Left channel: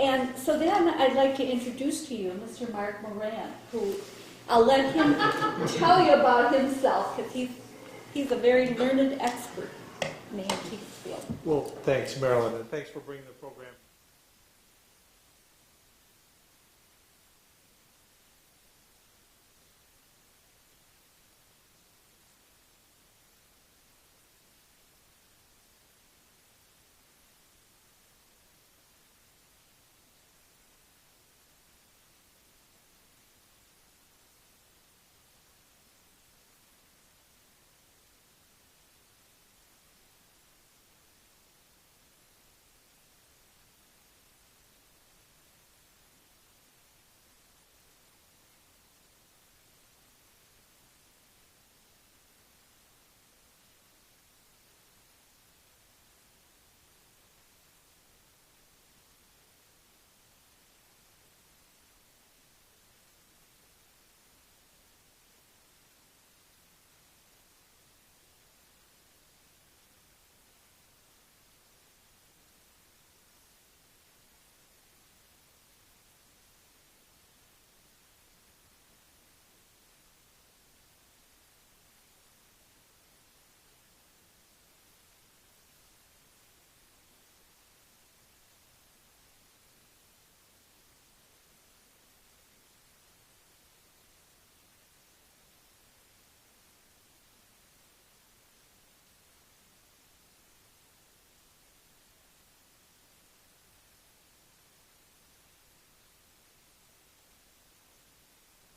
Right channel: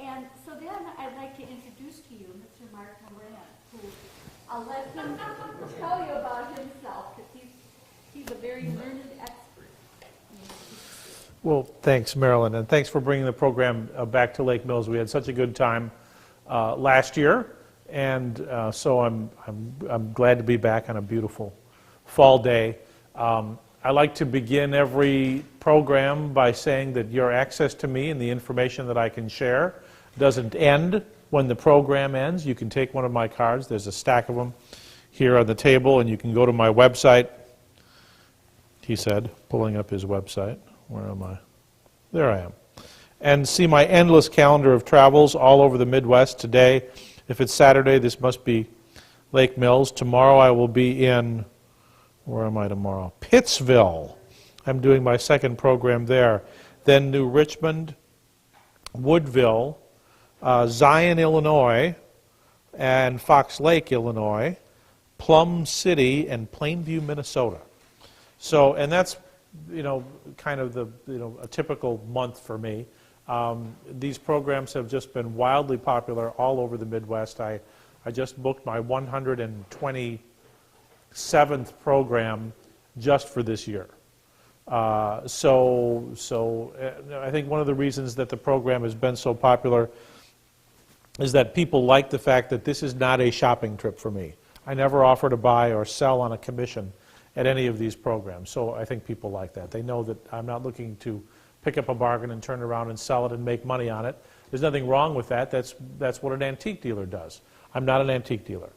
And so then I'd like to introduce to you Mr. Mark Moran, who I'll let him tell you about himself, because he's a very learned expert in the antique field. Well, thanks, Marilyn, and thanks for bringing the program back to Lake Mills. We had such a good time last year, and so I'm glad to be back on a beautiful fall day. I like to begin every program by saying that your access to me and the information that I can share doesn't end when the program ends. You can take one of my cards. There's a stack of them here on the table, and you can go to my website, he said, pulling up his website. Where am I? There I am. And see my endless calendar of travels all over the Midwest. Today, if it's Saturday, this must be Lake Mills. Tomorrow I will be in, where am I tomorrow? Pittsville. I'm doing my second program there. Then New Richmond, Woodville, Zion, Illinois, and Fox Lake, Illinois, Plum City, and Plainview, Minnesota. So, and that's, you know, kind of the, you know, a typical month for me. These programs have just been wildly popular all over the Midwest. I just booked my 127th program just for this year. So I think one of the reasons that the program has been so popular is that people like the fact that this is not a shopping trip for me. I never offer to buy or sell on a commission at any of these programs, so I think people like that. They know that I'm not looking to pick up a bargain and turn around and sell it and make money on it. There's nothing wrong with that. That's what an antique dealer does. I'm not an antique dealer.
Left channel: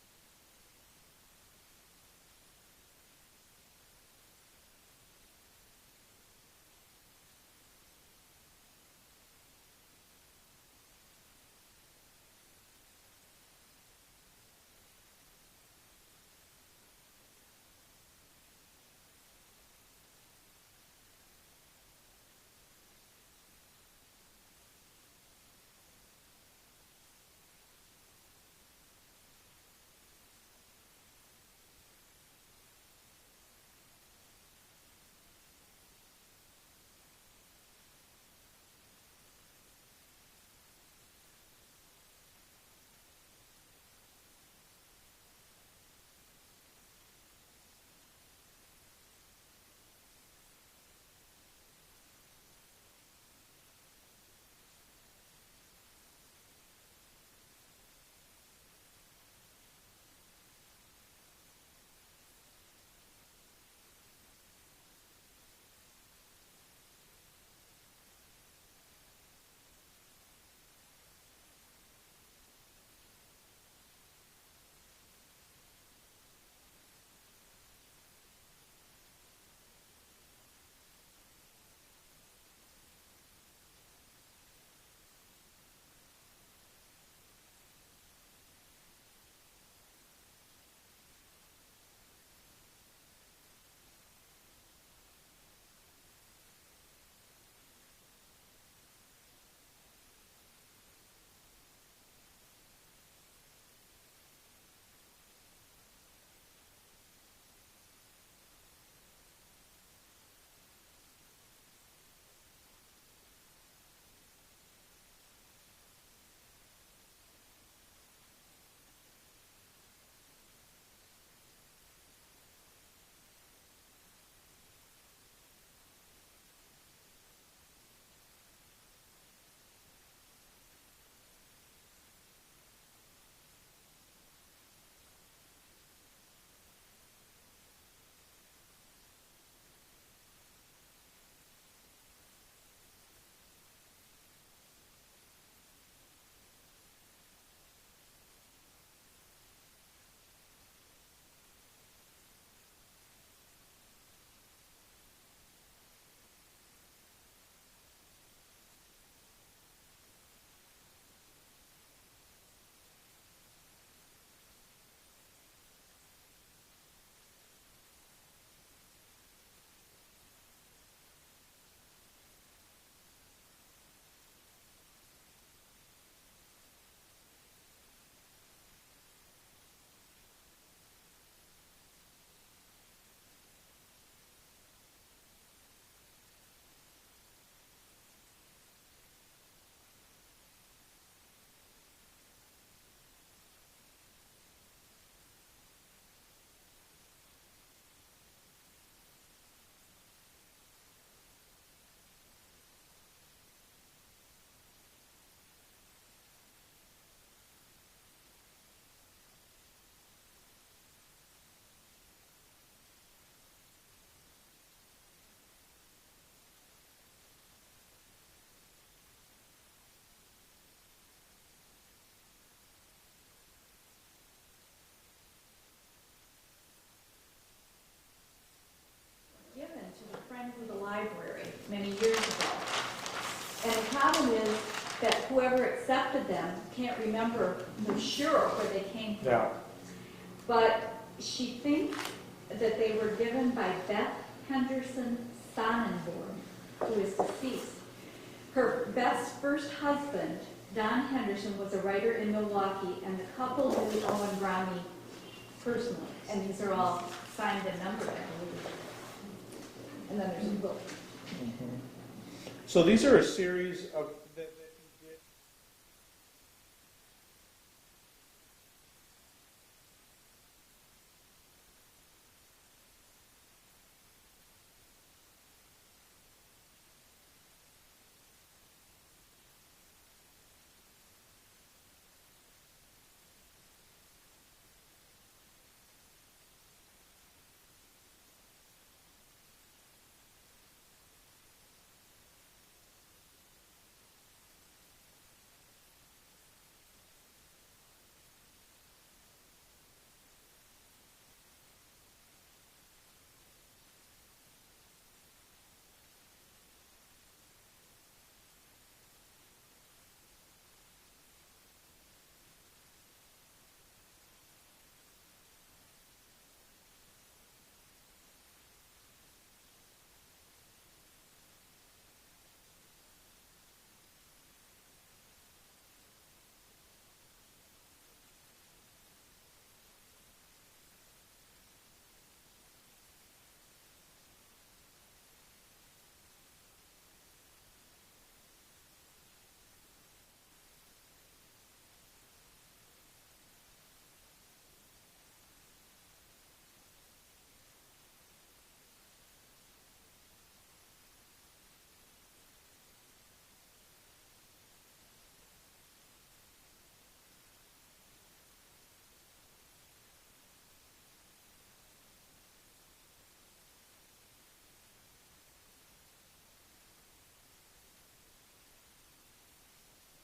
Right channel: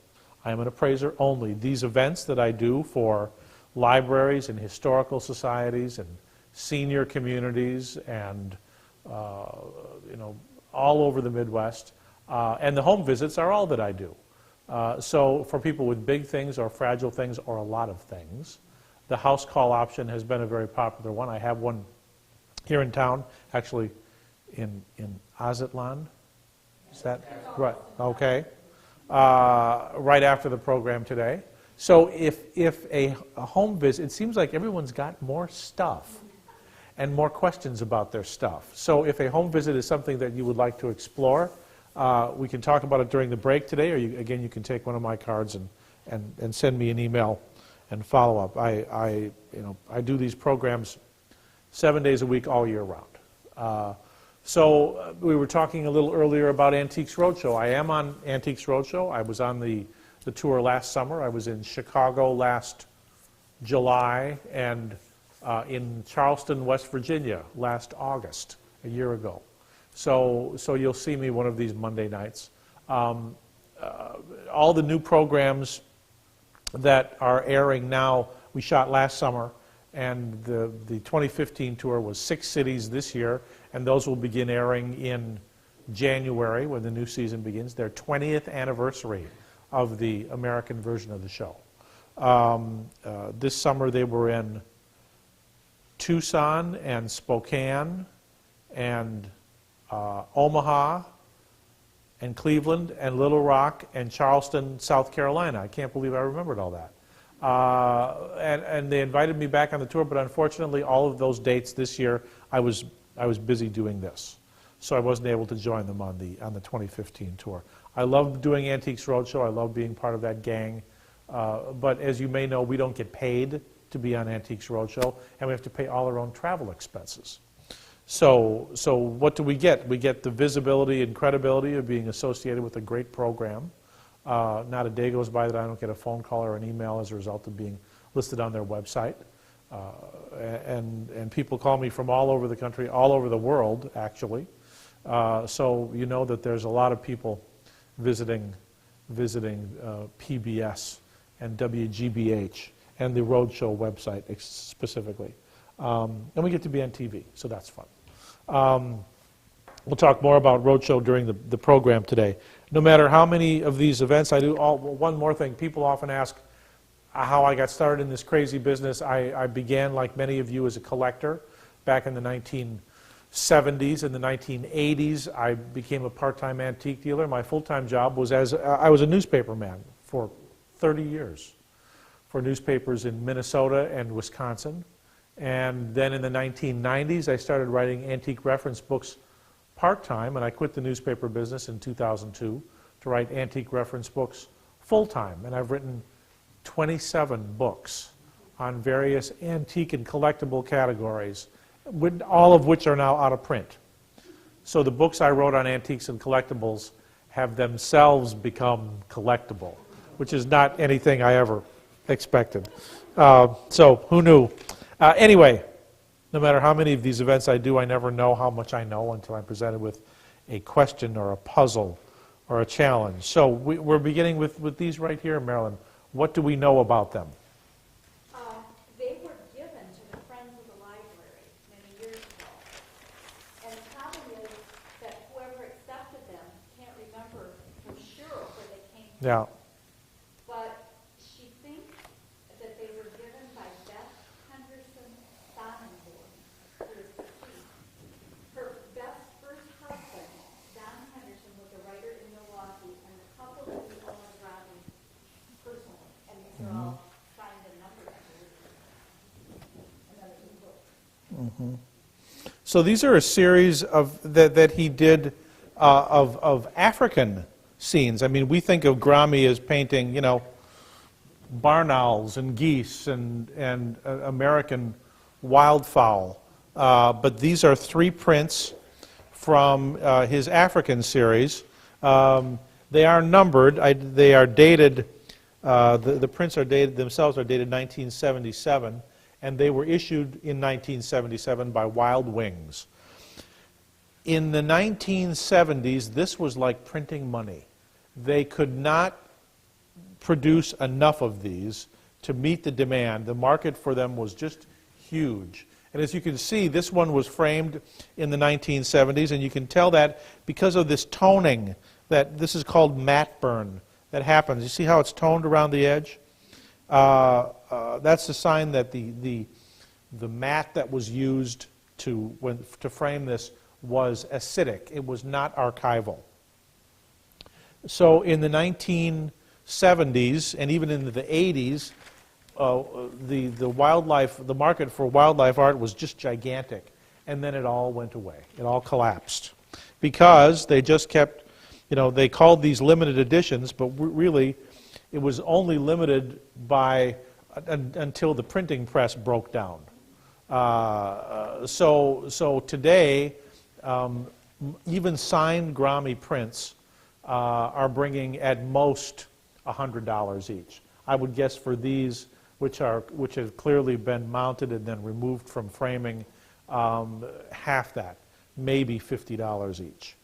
I am an appraiser only. These events that I do for libraries and historical societies and senior communities and you know, all over the Midwest, and the home visits are all that I do. So for people with big things or fragile things or a lot of things, the house call option has been a very popular one. I have one here in town, actually in Azatlan. Is that right? Okay. Right after the program today. So if a home visit, it seems like everyone's got more stuff and more questions about their stuff. So if a home visit is something that you would like to explore, we can talk about it during the break today, or again, you can take one of my cards and send me an email and follow up. I do these programs 7 days a week, all year round. So we were talking a little earlier about Antiques Roadshow. I am on Antiques Roadshow. I was on the tour last summer. I was in Chicago last July and in Charleston, West Virginia last August, a year ago. So you'll see me one of these Monday nights. All the new programs that are airing now, we shot last summer, and the 2015 tour was 6 cities this year, and those will begin airing in January when the new season begins, their 20th anniversary of the American version of the show. This summer they were in Tucson and Spokane and Omaha and Cleveland and Little Rock and Charleston, South Carolina. I can't believe I remembered all that. And they invited me back on the tour, but unfortunately all of those dates this year I was busy doing this, so I wasn't able to join them on the 2015 tour. I love doing Antiques Roadshow. I love being part of that gang, but as you may know, we don't get paid to be on Antiques Roadshow, and we have to pay all our own travel expenses. So what do we get? We get the visibility and credibility of being associated with a great program. Not a day goes by that I don't get a phone call or an email as a result of being listed on their website. And people call me from all over the country, all over the world, actually. So you know that there's a lot of people visiting PBS and WGBH and the Roadshow website specifically. And we get to be on TV, so that's fun. We'll talk more about Roadshow during the program today. No matter how many of these events I do, one more thing, people often ask how I got started in this crazy business. I began, like many of you, as a collector back in the 1970s. In the 1980s, I became a part-time antique dealer. My full-time job was I was a newspaperman for 30 years for newspapers in Minnesota and Wisconsin. And then in the 1990s, I started writing antique reference books part-time, and I quit the newspaper business in 2002 to write antique reference books full-time. And I've written 27 books on various antique and collectible categories, all of which are now out of print. So the books I wrote on antiques and collectibles have themselves become collectible, which is not anything I ever expected. So who knew? Anyway, no matter how many of these events I do, I never know how much I know until I'm presented with a question or a puzzle or a challenge. So we're beginning with these right here, Marilyn. What do we know about them? They were given to the Friends of the Library many years ago. And the problem is that whoever accepted them can't remember for sure where they came from. Yeah. But she thinks that they were given by Beth Henderson Sonnenborn, who is deceased. Beth's first husband, Don Henderson, was a writer in Milwaukee, and the couple knew Owen Gromme personally. And these are all signed and numbered, I believe. And then there's a book. So these are a series of that he did of African scenes. I mean, we think of Gromme as painting, you know, barn owls and geese and American wildfowl. But these are 3 prints from his African series. They are numbered. They are dated. The prints are dated themselves are dated 1977, and they were issued in 1977 by Wild Wings. In the 1970s, this was like printing money. They could not produce enough of these to meet the demand. The market for them was just huge. And as you can see, this one was framed in the 1970s, and you can tell that because of this toning, that this is called matte burn, that happens. You see how it's toned around the edge? That's the sign that the mat that was used to frame this was acidic. It was not archival. So in the 1970s and even into the 80s, the market for wildlife art was just gigantic, and then it all went away. It all collapsed because they just kept, you know, they called these limited editions, but really it was only limited by until the printing press broke down. So today, even signed Gromme prints are bringing at most $100 each. I would guess for these, which have clearly been mounted and then removed from framing, half that, maybe $50 each.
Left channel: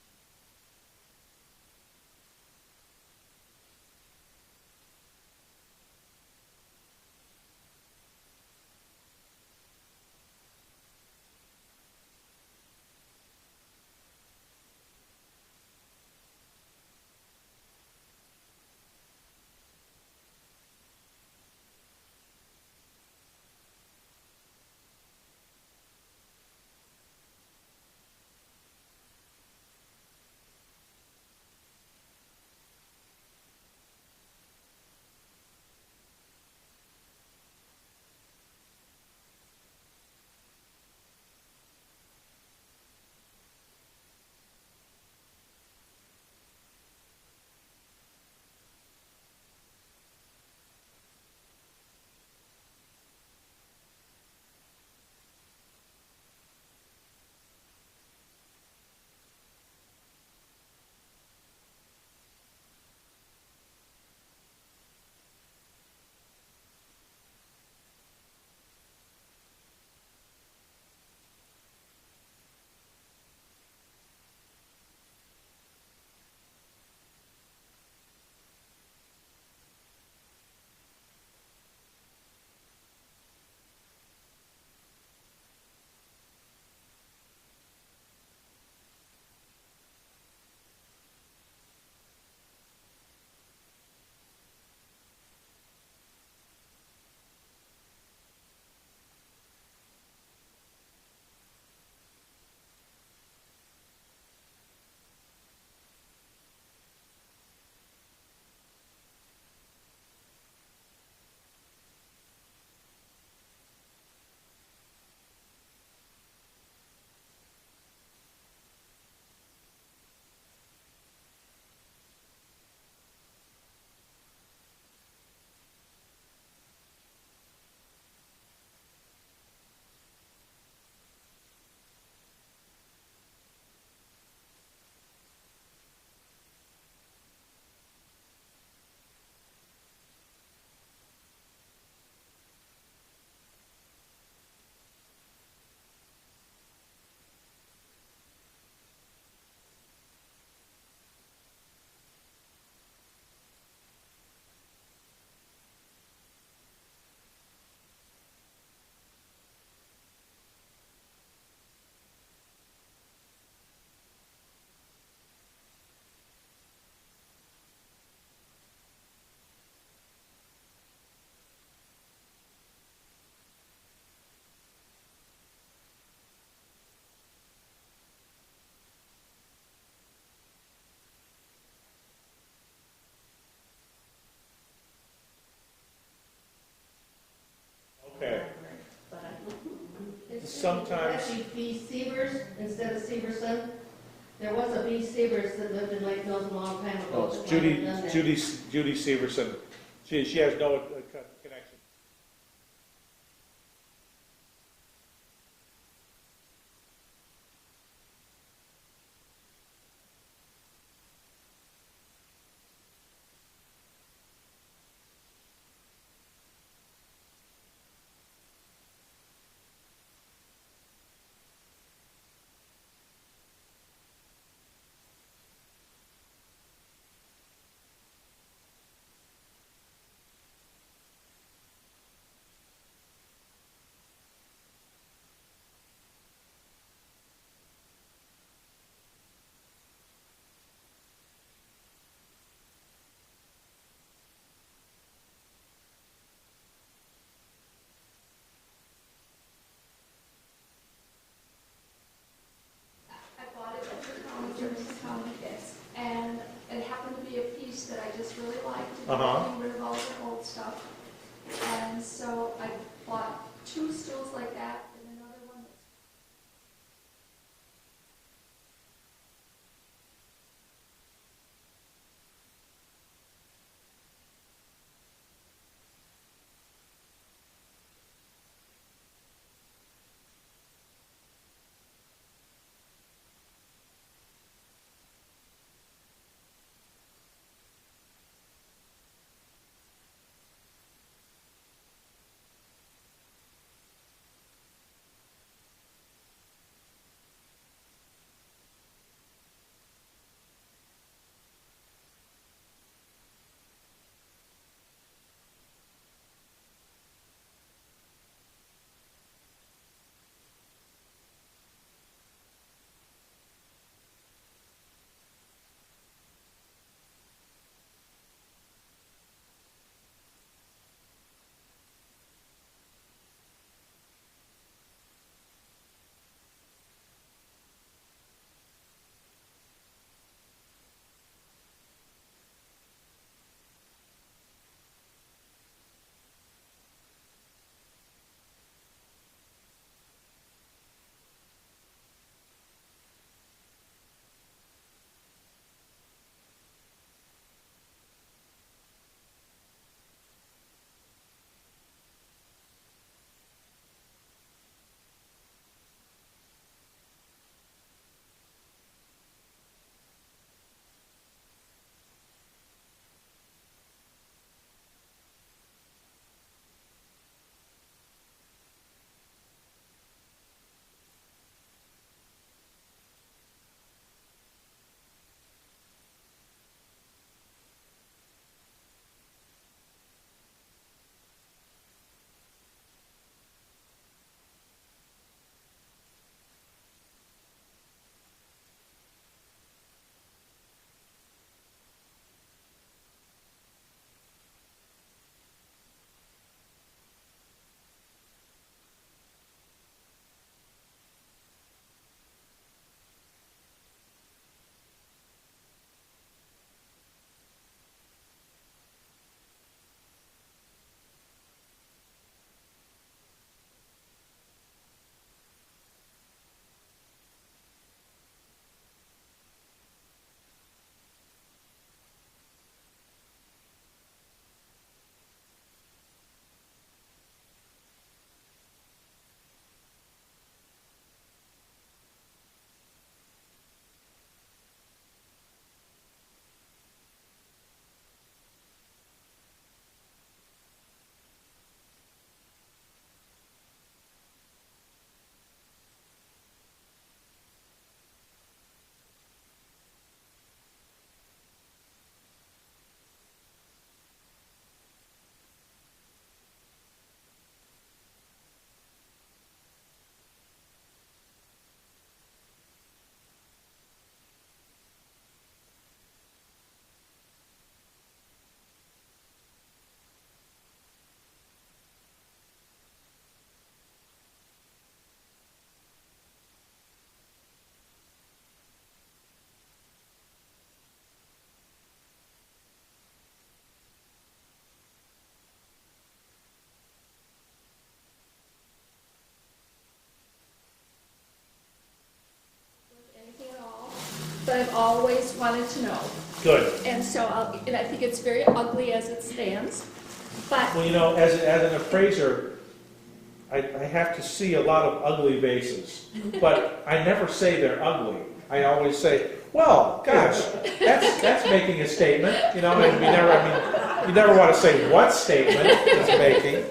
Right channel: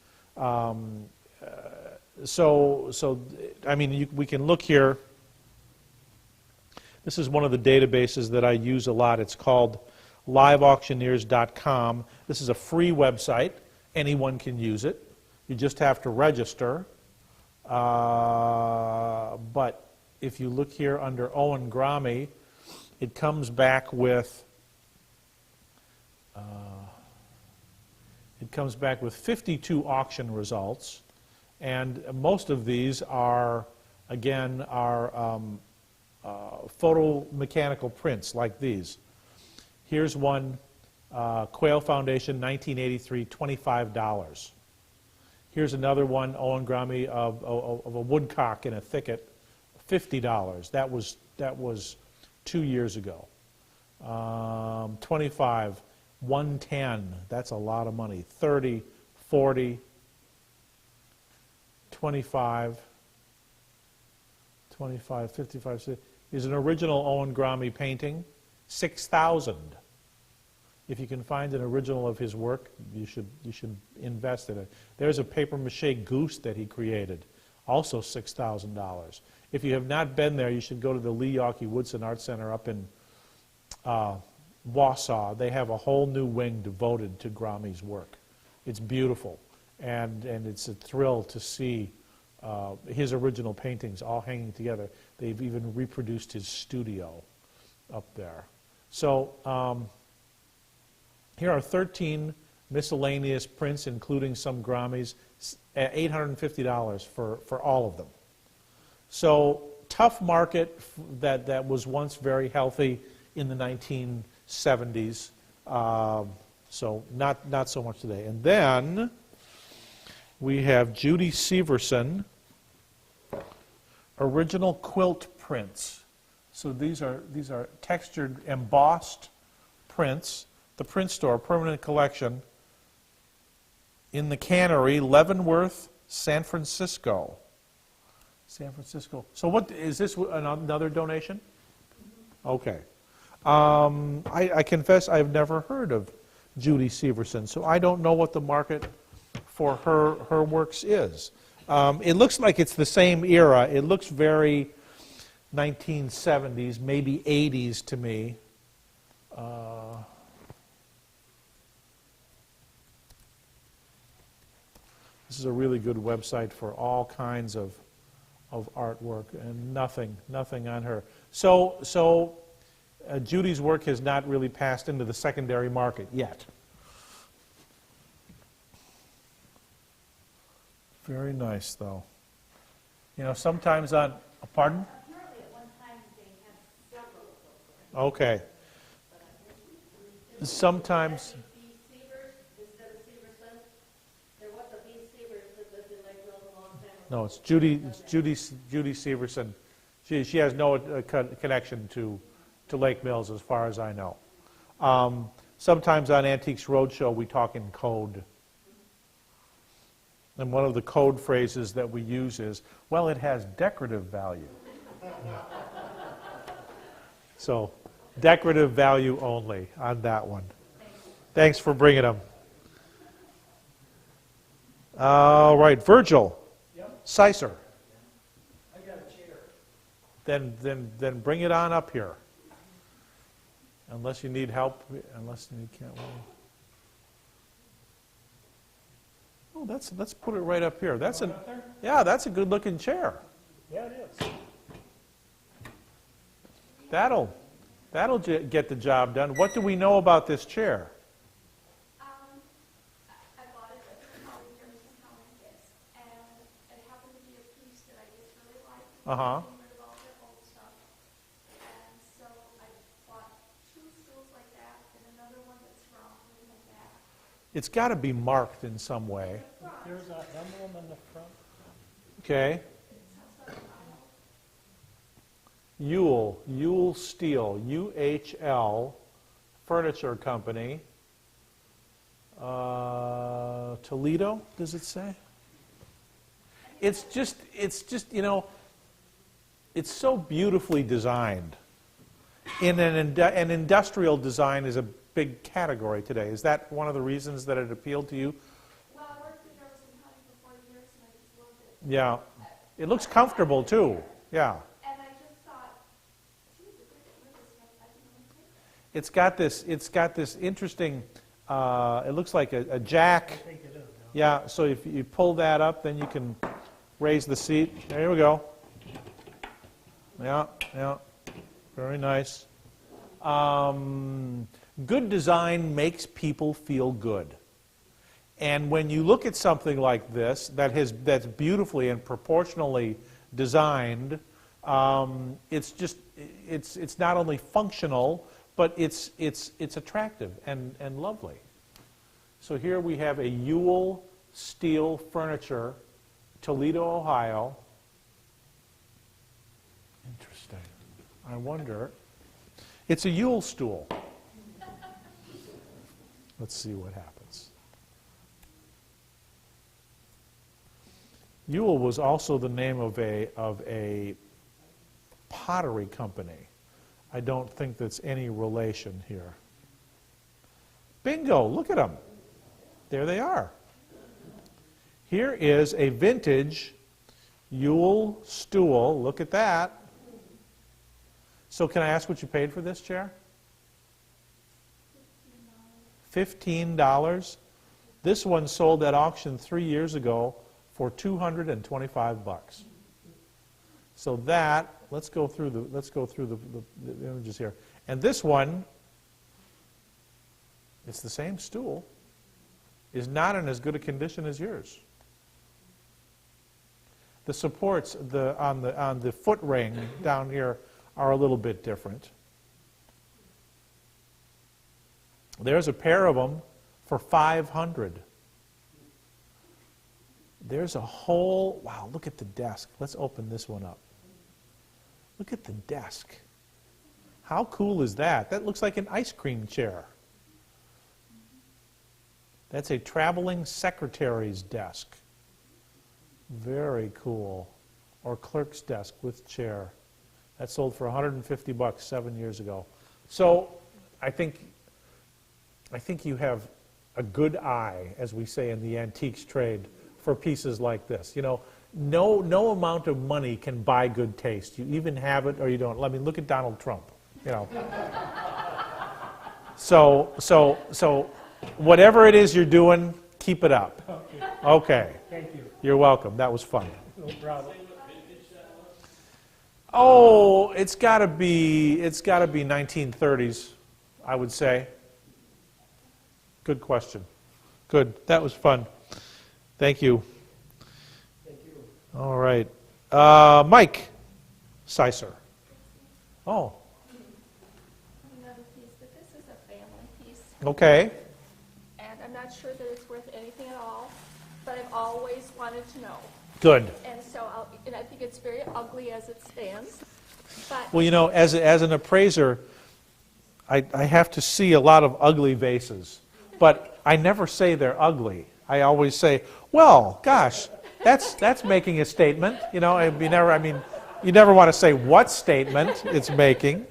So I mean, we can look here. This is one of the databases that I use a lot. It's called liveauctioneers.com. This is a free website. Anyone can use it. You just have to register. But if you look here under Owen Gromme, it comes back with 52 auction results, and most of these are, again, photomechanical prints like these. Here's one, Quail Foundation, 1983, $25. Here's another one, Owen Gromme, of a woodcock in a thicket, $50. That was 2 years ago. 25, 110. That's a lot of money. 30, 40, 25, 55, 60. Is an original Owen Gromme painting, 6,000. If you can find an original of his work, you should invest in it. There's a papier-mâché goose that he created, also $6,000. If you have not been there, you should go to the Lee Yawkey Woodson Art Center up in Wausau. They have a whole new wing devoted to Gromme's work. It's beautiful, and it's a thrill to see his original paintings all hanging together. They've even reproduced his studio up there. So here are 13 miscellaneous prints, including some Grommes, at $850 for all of them. So tough market that was once very healthy in the 1970s. So not so much today. And then We have Judy Severson, original quilt prints. So these are textured, embossed prints. The Print Store, permanent collection, in the Cannery, Leavenworth, San Francisco. San Francisco. So what, is this another donation? Okay. I confess I've never heard of Judy Severson, so I don't know what the market for her works is. It looks like it's the same era. It looks very 1970s, maybe 80s to me. This is a really good website for all kinds of artwork, and nothing on her. So Judy's work has not really passed into the secondary market yet. Very nice, though. You know, sometimes on, pardon? Apparently at one time they had several of those. Okay. Sometimes. Actually, B. Severs instead of Severson. There was a B. Severs that lived in Lake Mills a long time ago. No, it's Judy Severson. She has no connection to Lake Mills as far as I know. Sometimes on Antiques Roadshow we talk in code. And one of the code phrases that we use is, well, it has decorative value. So, decorative value only on that one. Thanks for bringing them. All right, Virgil. Yep. Sicer. I got a chair. Then bring it on up here. Unless you need help, unless you can't. Oh, let's put it right up here. That's that's a good looking chair. Yeah, it is. That'll get the job done. What do we know about this chair? I bought it at the county fix, and it happened to be a piece that I just really liked, and getting rid of all the old stuff. And so I bought 2 stools like that, and another one that's round like that. It's got to be marked in some way. There's an emblem in the front. Okay. Yule Steel, UHL Furniture Company. Toledo, does it say? It's just, you know, it's so beautifully designed. In an industrial design is a big category today. Is that one of the reasons that it appealed to you? Well, I worked in Jefferson County for 4 years, and I just loved it. Yeah. It looks comfortable too. Yeah. And I just thought, gee, look at this stuff. I didn't even think. It's got this interesting, it looks like a jack. I think it is. Yeah, so if you pull that up, then you can raise the seat. There we go. Yeah, very nice. Good design makes people feel good. And when you look at something like this, that's beautifully and proportionally designed, it's not only functional, but it's attractive and lovely. So here we have a Yule Steel Furniture, Toledo, Ohio. Interesting. I wonder. It's a Yule stool. Let's see what happens. Yule was also the name of a pottery company. I don't think that's any relation here. Bingo, look at them. There they are. Here is a vintage Yule stool. Look at that. So can I ask what you paid for this chair? $15. This one sold at auction 3 years ago for $225. So that, let's go through the images here. And this one, it's the same stool, is not in as good a condition as yours. The supports on the foot ring down here are a little bit different. There's a pair of them for $500. There's a whole, wow, look at the desk. Let's open this one up. Look at the desk. How cool is that? That looks like an ice cream chair. That's a traveling secretary's desk. Very cool. Or clerk's desk with chair. That sold for $150 7 years ago. So I think you have a good eye, as we say in the antiques trade, for pieces like this. You know, no amount of money can buy good taste. You even have it or you don't. I mean, look at Donald Trump. You know. So whatever it is you're doing, keep it up. Okay. Thank you. You're welcome. That was fun. No problem. Oh, it's got to be 1930s, I would say. Good question. Good. That was fun. Thank you. Thank you. All right. Mike Sicer. Oh, Another piece, but this is a family piece, okay. and I'm not sure that it's worth anything at all, but I've always wanted to know. Good. And so and I think it's very ugly as it stands, but Well, you know, as an appraiser, I have to see a lot of ugly vases, but I never say they're ugly. I always say, well, gosh, that's making a statement, you know. And you never want to say what statement it's making.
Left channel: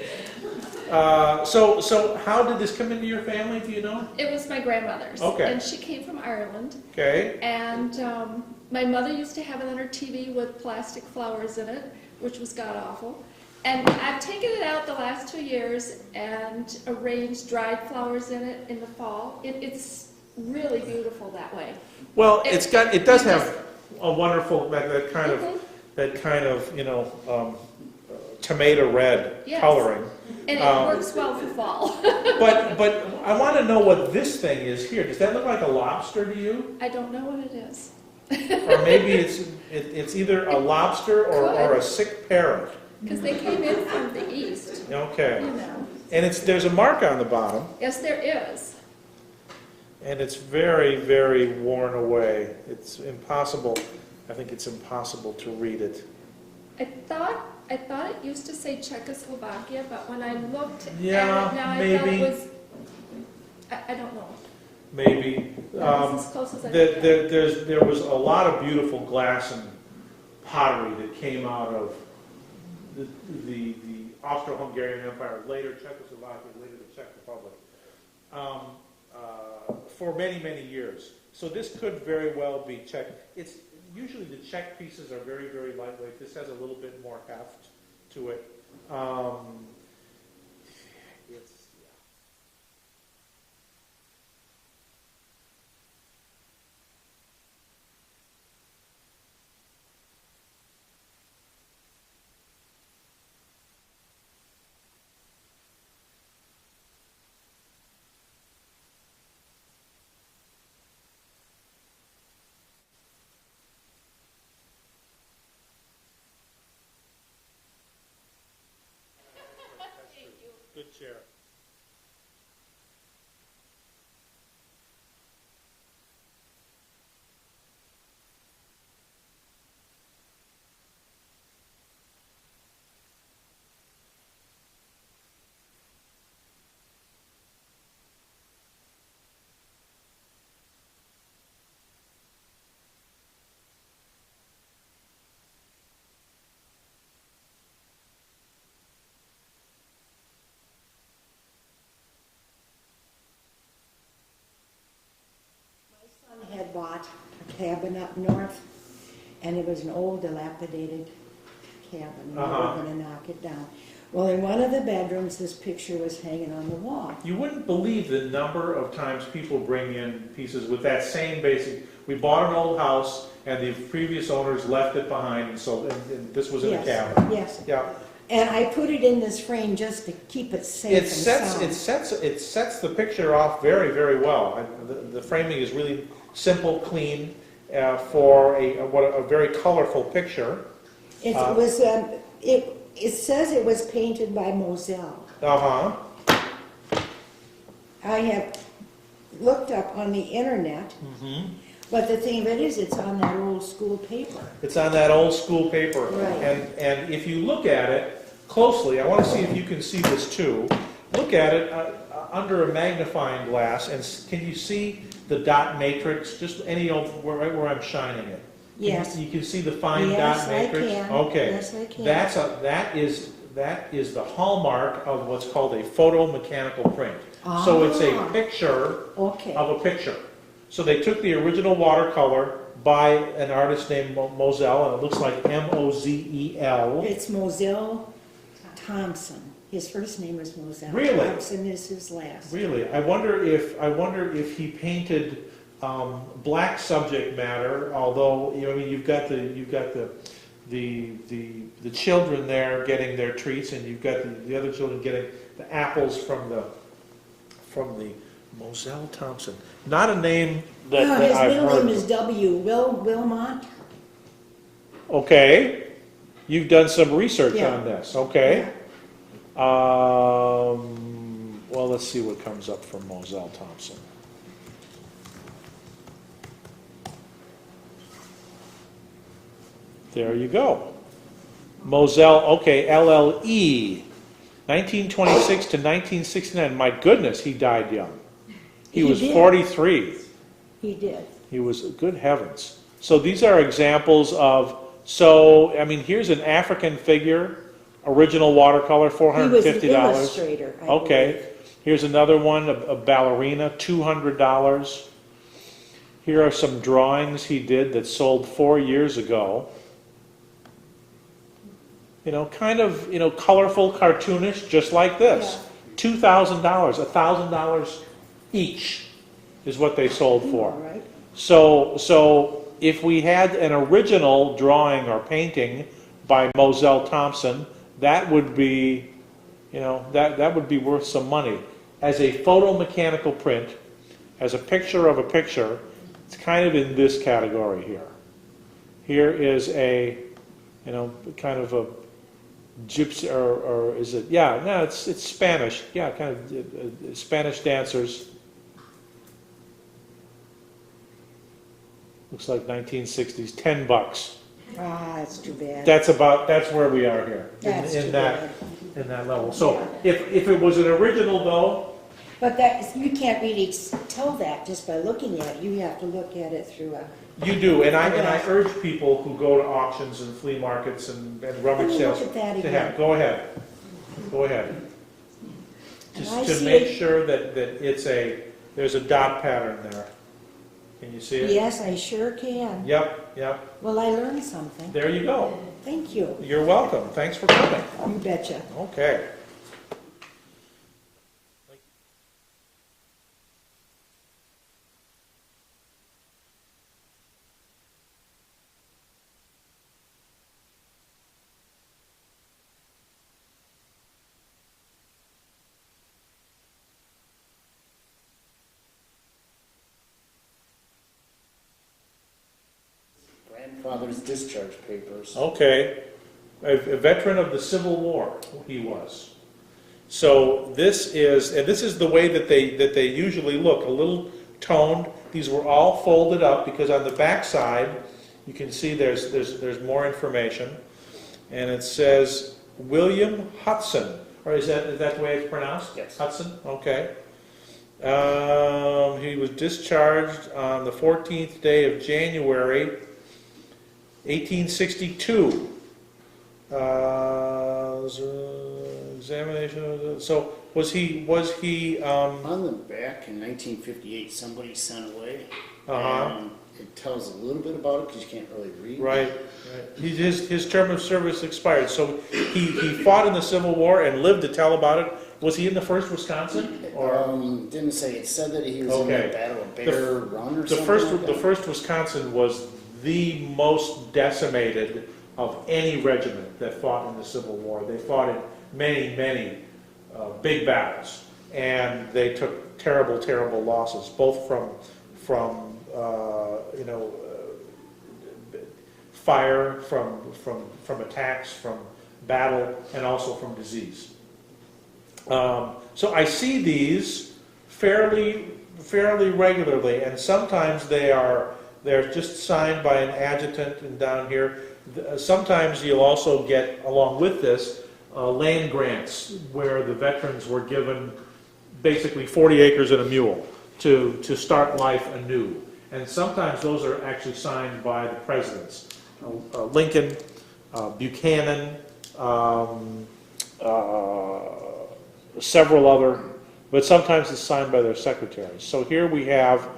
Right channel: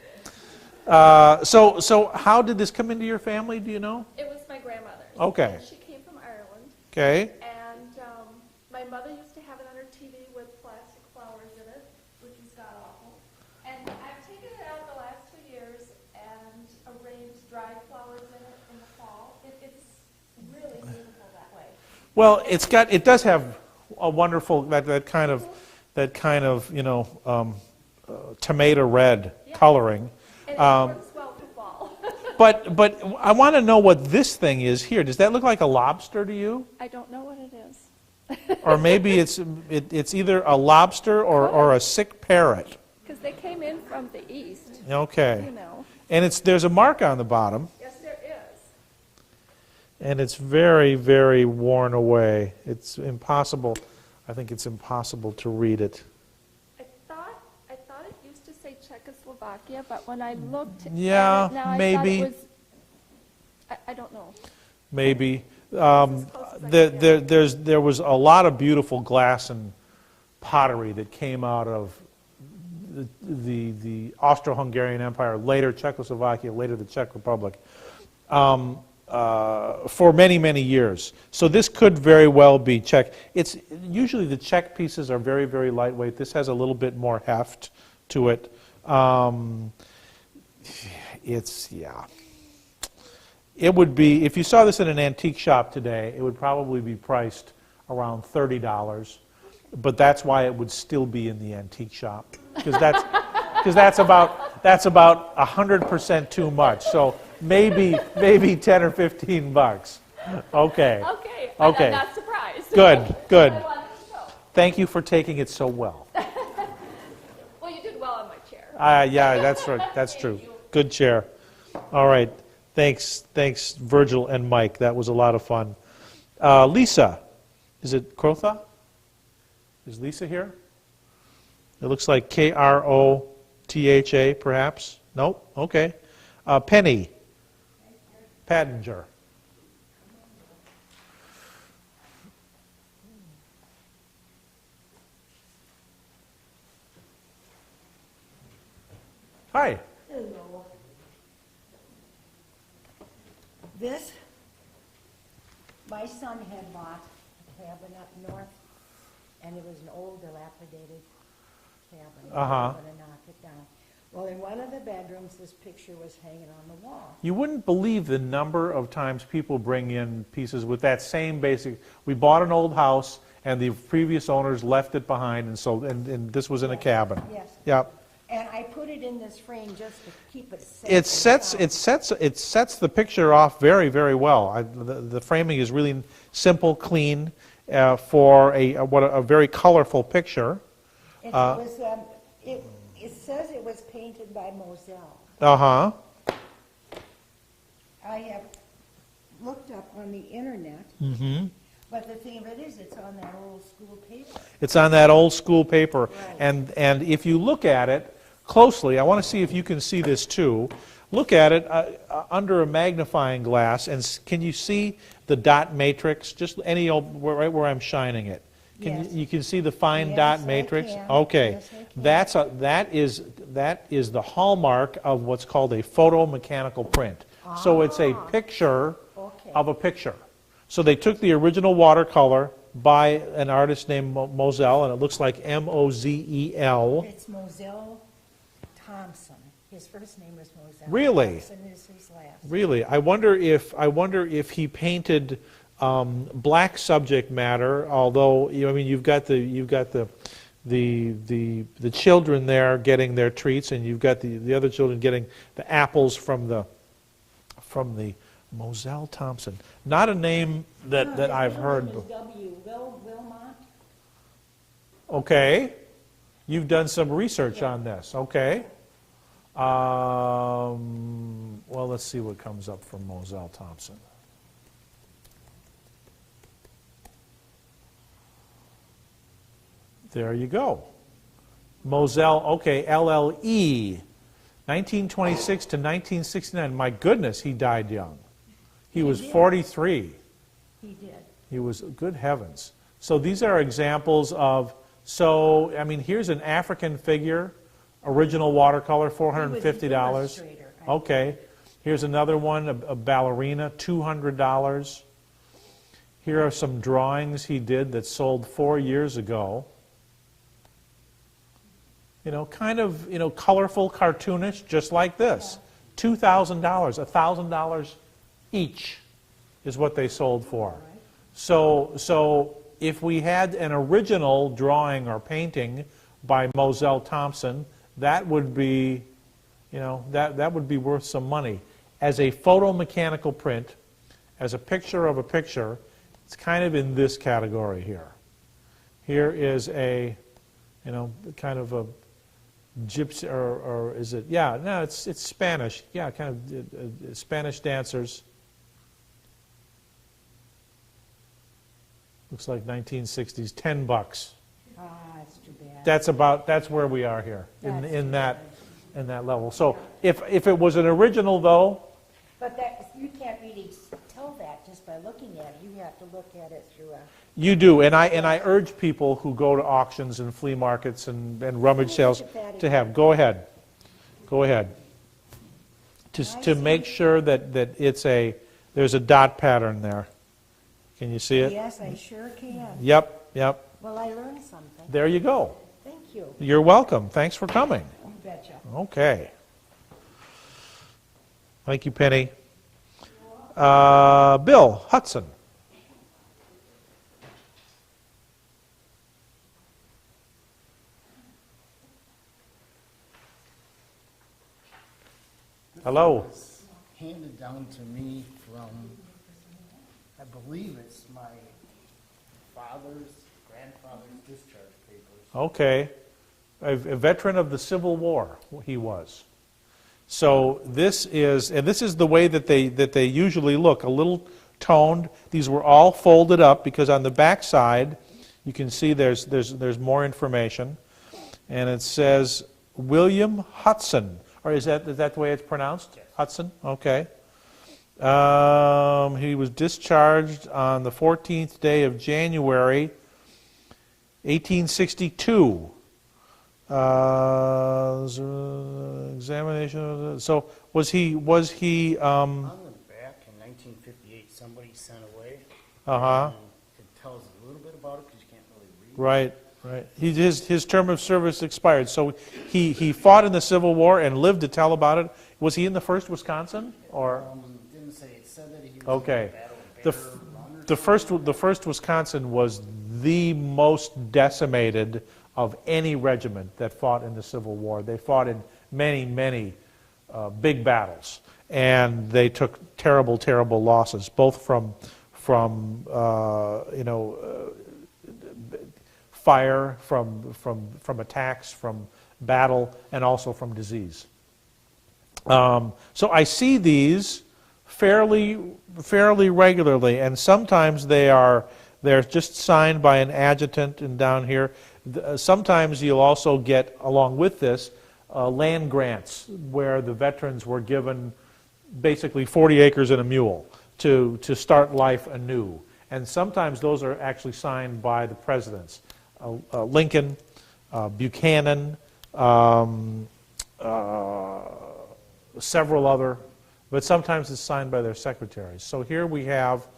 So how did this come into your family? Do you know? it was my grandmother's. Okay. And she came from Ireland, Okay. and my mother used to have it on her TV with plastic flowers in it, which was god-awful. And I've taken it out the last 2 years and arranged dried flowers in it in the fall. It's really beautiful that way. Well, it does have a wonderful that kind of you know tomato red Yes. coloring. And it works well for fall. But I want to know what this thing is here. Does that look like a lobster to you? I don't know what it is. Or maybe it's either a lobster or a sick parrot. Because they came in from the east, Okay. you know. And there's a mark on the bottom, Yes, there is. and it's very, very worn away. It's impossible. I think it's impossible to read it. I thought it used to say Czechoslovakia, but when I looked at it Yeah, now, I maybe. thought it was, I don't know. Maybe. It's as close as I can get. There was a lot of beautiful glass and pottery that came out of the Austro-Hungarian Empire, later Czechoslovakia, later the Czech Republic, for many, many years. So this could very well be Czech. It's usually the Czech pieces are very, very lightweight. This has a little bit more heft to it. It would be, if you saw this in an antique shop today, it would probably be priced around $30. But that's why it would still be in the antique shop, because that's about 100% too much. So maybe 10 or 15 bucks. Okay. Okay, Okay. I'm not surprised. Good. Good. I wanted to know. Thank you for taking it so well. Well, you did well on my chair. Yeah, that's right. That's true. Good chair. All right. Thanks, Virgil and Mike. That was a lot of fun. Lisa, is it Crotha? Is Lisa here? It looks like Krotha, perhaps. Nope. Okay. Penny Padinger. Hi. Hello. This, my son had bought a cabin up north, and it was an old dilapidated cabin. They were gonna knock it down. Well, in one of the bedrooms, this picture was hanging on the wall. You wouldn't believe the number of times people bring in pieces with that same basic. We bought an old house, and the previous owners left it behind, and so and this was in a Yes, cabin. Yes. Yeah. And I put it in this frame just to keep it safe. It and sound. sets the picture off very, very well. The framing is really simple, clean, for a very colorful picture. It was. It says it was painted by Mozelle. I have looked up on the internet. But the thing of it is, it's on that old school paper. It's on that old school paper. Right. And if you look at it closely, I want to see if you can see this too. Look at it under a magnifying glass, and can you see the dot matrix? Just right where I'm shining it. Yes. You can see the fine Yes, dot I matrix? can. Okay. Yes, I can. That is the hallmark of what's called a photomechanical print. So it's a picture Okay. of a picture. So they took the original watercolor by an artist named Mozelle, and it looks like M-O-Z-E-L. It's Mozelle Thompson. His first name is Mozelle. Really? Thompson is his last. Really, I wonder if he painted black subject matter. Although I mean, you've got the children there getting their treats, and you've got the other children getting the apples from the Mozelle Thompson. Not a name that I've His heard. middle name is Wilmot. Okay, you've done some research Yeah. on this. Okay. Well, let's see what comes up for Mozelle Thompson. There you go. Mozelle, okay, LLE, 1926 to 1969. My goodness, he died young. He was did. 43. He did. He was, good heavens. So these are examples of, so, I mean, here's an African figure, original watercolor, $450. He was an illustrator, I Okay. believe. Here's another one, a ballerina, $200. Here are some drawings he did that sold 4 years ago. You know, kind of, you know, colorful, cartoonish, just like this. $2,000, $1,000 each is what they sold for. All right. So if we had an original drawing or painting by Mozelle Thompson, that would be, you know, that would be worth some money. As a photomechanical print, as a picture of a picture, it's kind of in this category here. Here is a, you know, kind of a gypsy, or is it, yeah, no, it's Spanish, yeah, kind of Spanish dancers. Looks like 1960s, $10. Ah, that's too bad. That's where we are here, That's in too that level. So if it was an original though, But you can't really tell that just by looking at it. You have to look at it through a... you do, and I urge people who go to auctions and flea markets and rummage sales Look at that to have, again. go ahead. I To see make it. sure that there's a dot pattern there. Can you see it? Yes, I sure can. Yep. Well, I learned something. There you go. Thank you. You're welcome. Thanks for coming. You betcha. Okay. Thank you, Penny. Bill Hudson. Hello. Handed down to me from, I believe it's my grandfather's discharge papers. Okay. A veteran of the Civil War, he was. So this is the way that they usually look, a little toned. These were all folded up because on the back side, you can see there's more information, and it says William Hudson. Or is that the way it's pronounced? Yes. Hudson. Okay. He was discharged on the 14th day of January, 1862. Examination. So was he? On the back in 1958, somebody sent away. And it tells a little bit about it because you can't really read. Right. His term of service expired, so he fought in the Civil War and lived to tell about it. Was he in the 1st Wisconsin? Or Didn't say. It said that he was in the Battle of Bear Run or the something. first like the that. 1st Wisconsin was the most decimated of any regiment that fought in the Civil War. They fought in many big battles, and they took terrible losses, both from fire, from attacks, from battle, and also from disease. So I see these fairly regularly, and sometimes they are They're just signed by an adjutant and down here. Sometimes you'll also get, along with this, land grants where the veterans were given basically 40 acres and a mule to start life anew. And sometimes those are actually signed by the presidents. Lincoln, Buchanan, several other, but sometimes it's signed by their secretaries. So here we have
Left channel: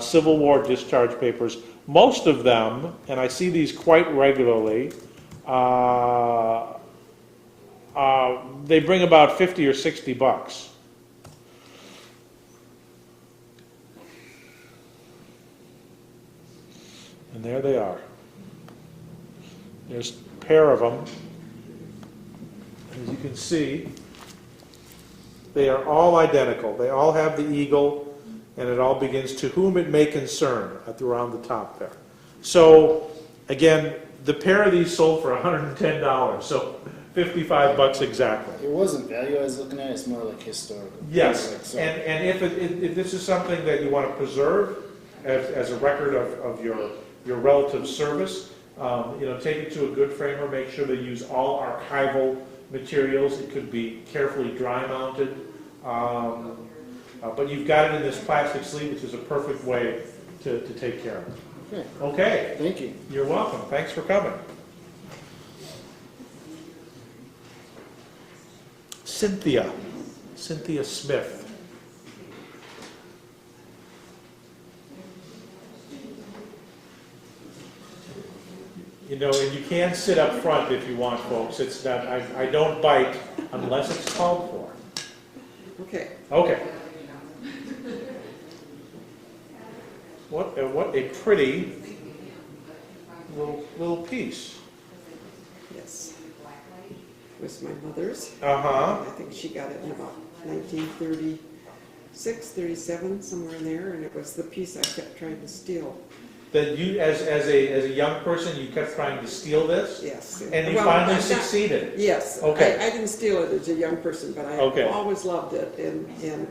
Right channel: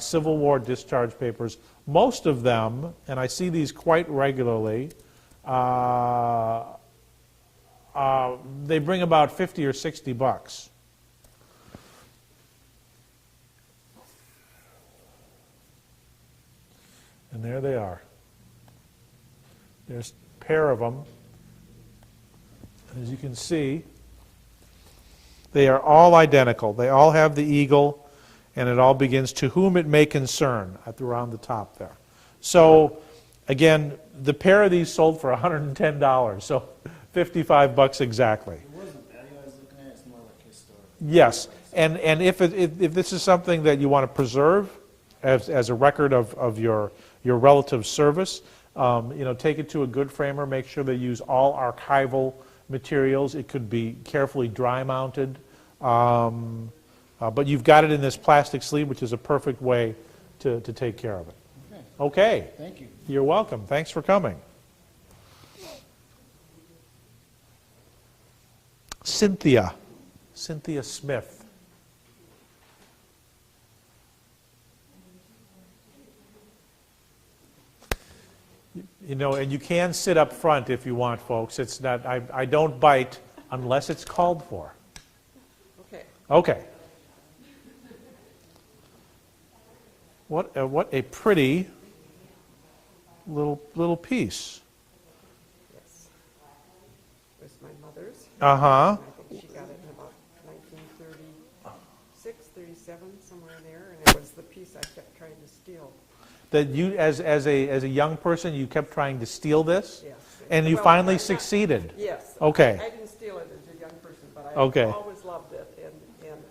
Civil War discharge papers. Most of them, and I see these quite regularly, they bring about 50 or 60 bucks. And there they are. There's a pair of them. As you can see, they are all identical. They all have the eagle, and it all begins "to whom it may concern" around the top there. So, again, the pair of these sold for $110, so 55 bucks exactly. It wasn't value I was looking at, it's more like historical. Yes, and if this is something that you want to preserve as a record of your relative service, take it to a good framer, make sure they use all archival materials. It could be carefully dry mounted, but you've got it in this plastic sleeve, which is a perfect way to take care of it. Okay. Thank you. You're welcome. Thanks for coming. Cynthia Smith. And you can sit up front if you want, folks. It's not. I don't bite unless it's called for. Okay. Okay. What a pretty little piece. Yes. It was my mother's. Uh-huh. I think she got it in about 1936, 37, somewhere in there, and it was the piece I kept trying to steal. That you, as a young person, you kept trying to steal this? Yes. And you finally succeeded? Yes. Okay. I didn't steal it as a young person, but I Okay. always loved it. And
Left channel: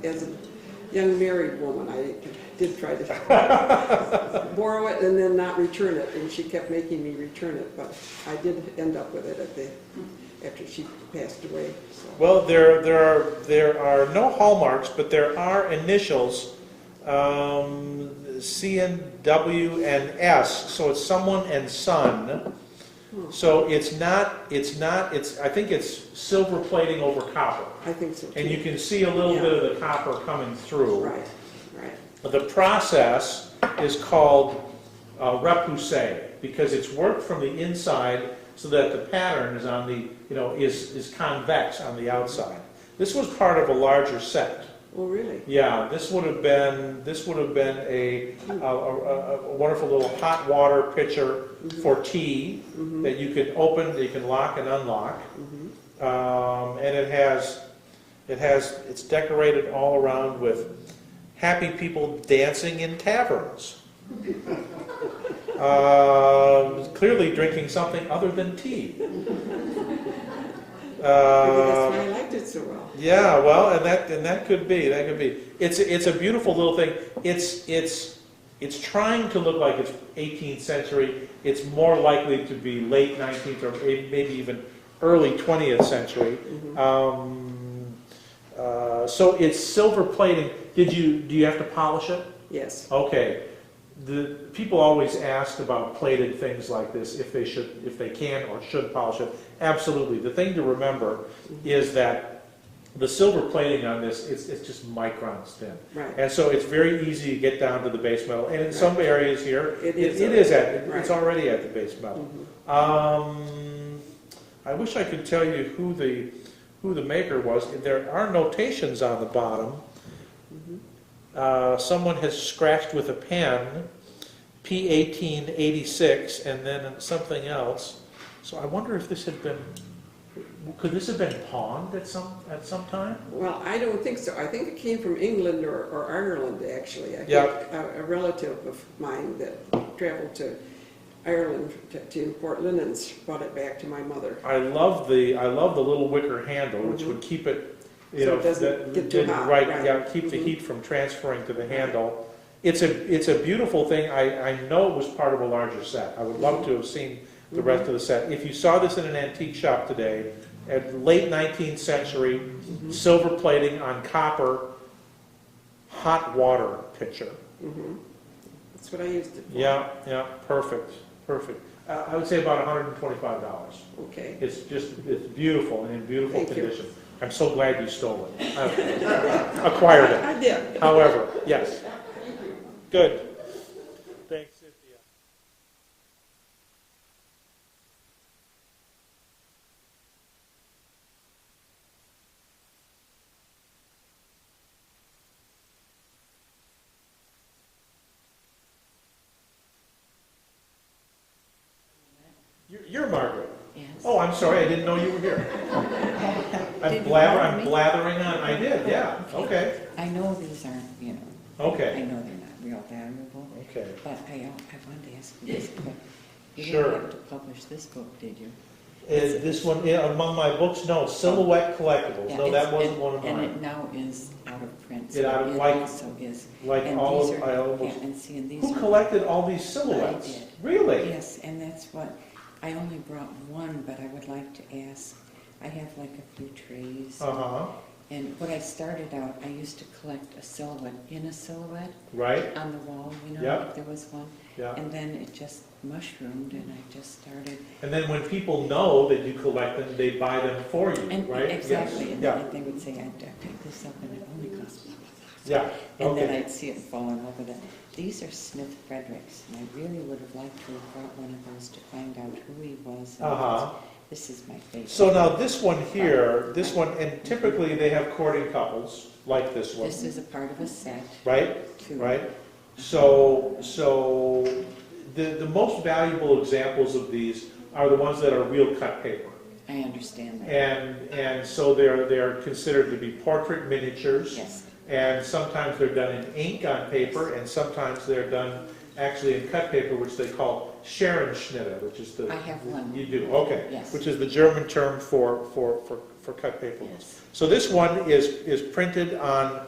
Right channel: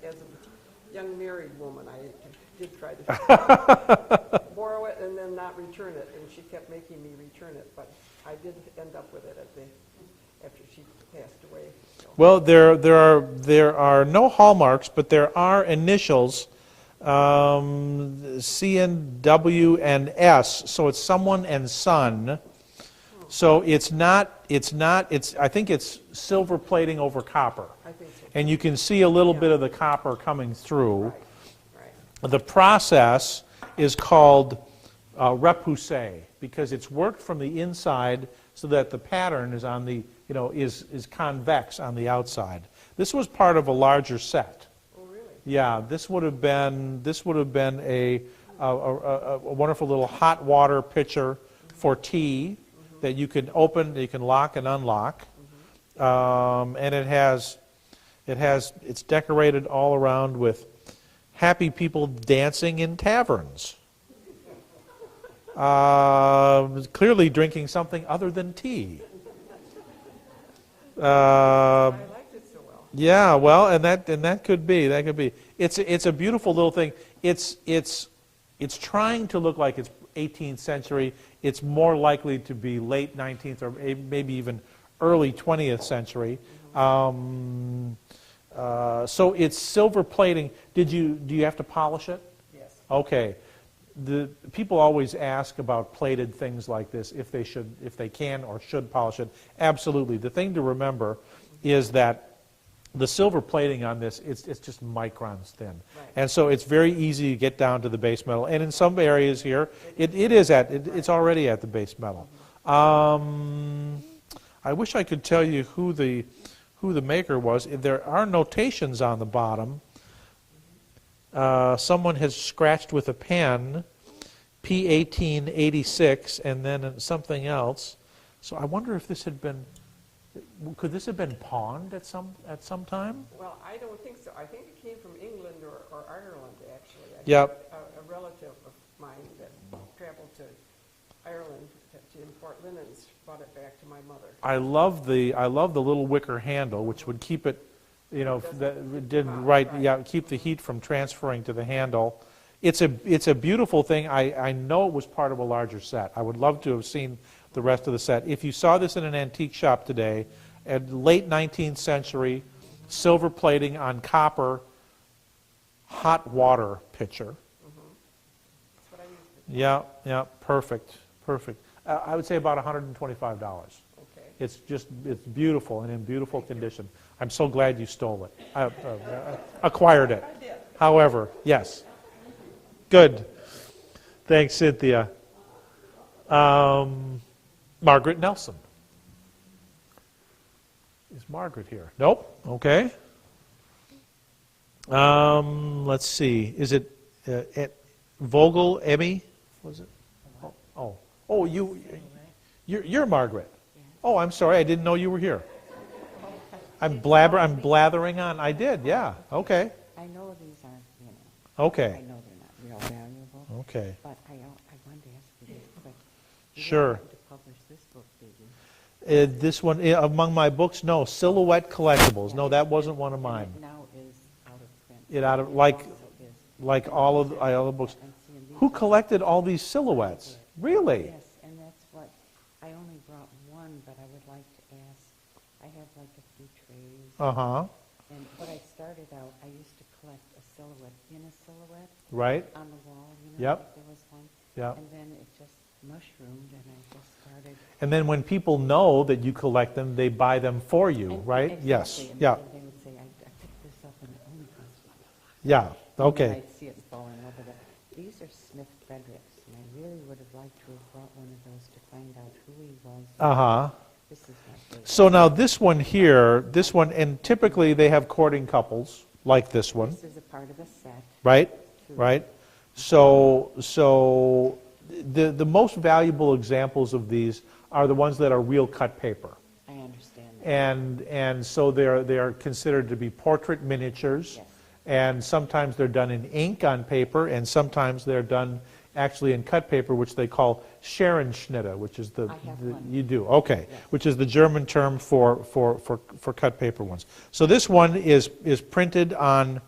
as a young married woman, I did try to borrow it and then not return it, and she kept making me return it, but I did end up with it after she passed away. So. Well, there are no hallmarks, but there are initials, C and W and S, so it's someone and son. So I think it's silver plating over copper. I think so too. And you can see a little bit of the copper coming through. Right. The process is called repoussé because it's worked from the inside so that the pattern is on the, is convex on the outside. This was part of a larger set. Oh, really? Yeah, this would have been a wonderful little hot water pitcher for tea that you can open, that you can lock and unlock, and it's decorated all around with happy people dancing in taverns, clearly drinking something other than tea. That's why I liked it so well. Yeah, well, and that could be. It's a beautiful little thing. It's trying to look like it's 18th century. It's more likely to be late 19th or maybe even early 20th century. So it's silver plating. Do you have to polish it? Yes. Okay. The people always ask about plated things like this, if they can or should polish it. Absolutely. The thing to remember is that the silver plating on this, it's just microns thin. Right. And so it's very easy to get down to the base metal. And in some areas here, it's already at the base metal. I wish I could tell you who the maker was. There are notations on the bottom. Someone has scratched with a pen P1886 and then something else. So I wonder if could this have been pawned at some time? Well, I don't think so. I think it came from England or Ireland, actually. I Yeah. think a relative of mine that traveled to Ireland to import linens brought it back to my mother. I love the little wicker handle, which would keep it, So it doesn't get too hot, right? right. Yeah, keep the heat from transferring to the handle. It's a beautiful thing. I know it was part of a larger set. I would love to have seen the rest of the set. If you saw this in an antique shop today, at late 19th century, silver plating on copper hot water pitcher. That's what I used it for. Yeah, yeah, perfect, perfect. I would say about $125. Okay. It's beautiful and in beautiful Thank you. condition. I'm so glad you stole it, acquired it. I did. However, yes. Good. Thanks, Cynthia. Margaret Nelson. Is Margaret here? Nope. Okay. Let's see. Is it Vogel, Emmy? Was it? Oh, you're Margaret. Yes. Oh, I'm sorry. I didn't know you were here. I'm blathering on. I did. Yeah. Okay. I know these aren't, you know, I Okay. know they're not real valuable, Okay. but I wanted to ask you this, but you Sure. didn't have to publish this book, did you? Is this one among my books? No. Silhouette Collectibles. Yeah, No, it's- that wasn't one of And mine. it now is out of print. It out of- so like- also is. Like and all these of are- my other books. yeah, and see, and these Who are- collected all these silhouettes? I did. Really? Yes, and that's what, I only brought one, but I would like to ask, I have like a few trays. Uh-huh. And when I started out, I used to collect a silhouette in a silhouette Right? on the wall, you know, Yep. like there was one. Yeah. And then it just mushroomed and I just started. And then when people know that you collect them, they buy them for you, And- right? Exactly. Yes. And Yeah. then they would say, I picked this up and it only cost blah, blah, blah. Yeah. And then Okay. I'd see it falling over the, these are Smith Fredericks, and I really would have liked to have brought one of those to find out who he was. Uh-huh. This is my favorite. So now this one here, and typically they have courting couples, like this one, This is a part of a set. right? too. Right? So the most valuable examples of these are the ones that are real cut paper. I understand that. And so they're considered to be portrait miniatures. Yes. And sometimes they're done in ink on paper, and sometimes they're done actually in cut paper, which they call Scherenschnitte, which is the... I have one. You do, okay. Yes. Which is the German term for cut paper ones. So this one is printed on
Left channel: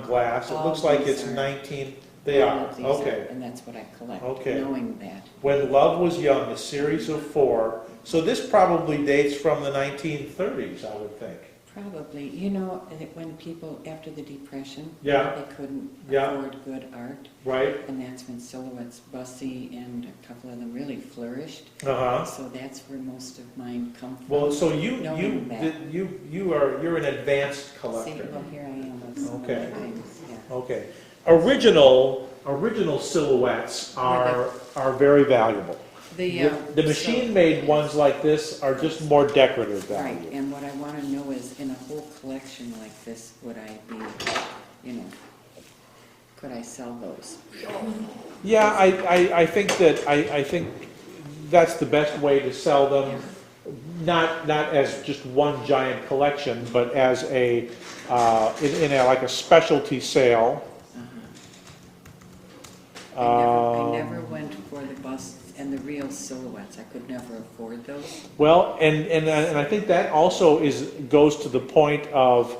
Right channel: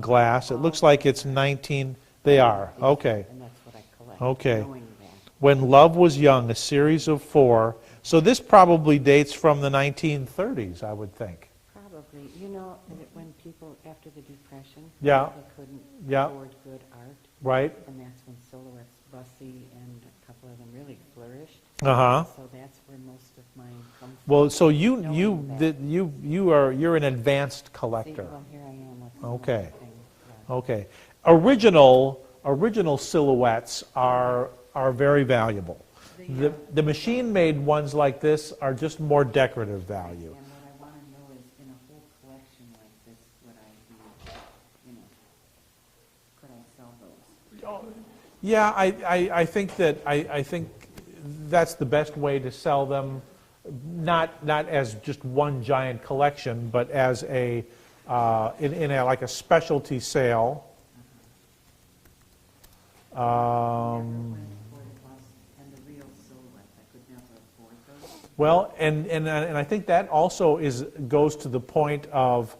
glass. It All looks like these it's are- 19... They all are, of these okay. And that's what I collect. Okay. Knowing that. When Love Was Young, a series of 4. So this probably dates from the 1930s, I would think. Probably, you know, and when people, after the Depression, Yeah. they couldn't Yeah. afford good art, Right? and that's when Silhouette's Bussy and a couple of them really flourished. Uh-huh. So that's where most of mine come from. Well, so you're an advanced See, collector. well, here I am with some Okay. things, yeah. Okay. Original silhouettes are very valuable. The machine-made ones like this are just more decorative value. Right, and what I want to know is, in a whole collection like this, would I be, you know, could I sell those? Yeah, I think that's the best way to sell them. Not as just one giant collection, but as in like a specialty sale. I never went for the busts and the real silhouettes. I could never afford those. Well, and I think that also goes to the point of,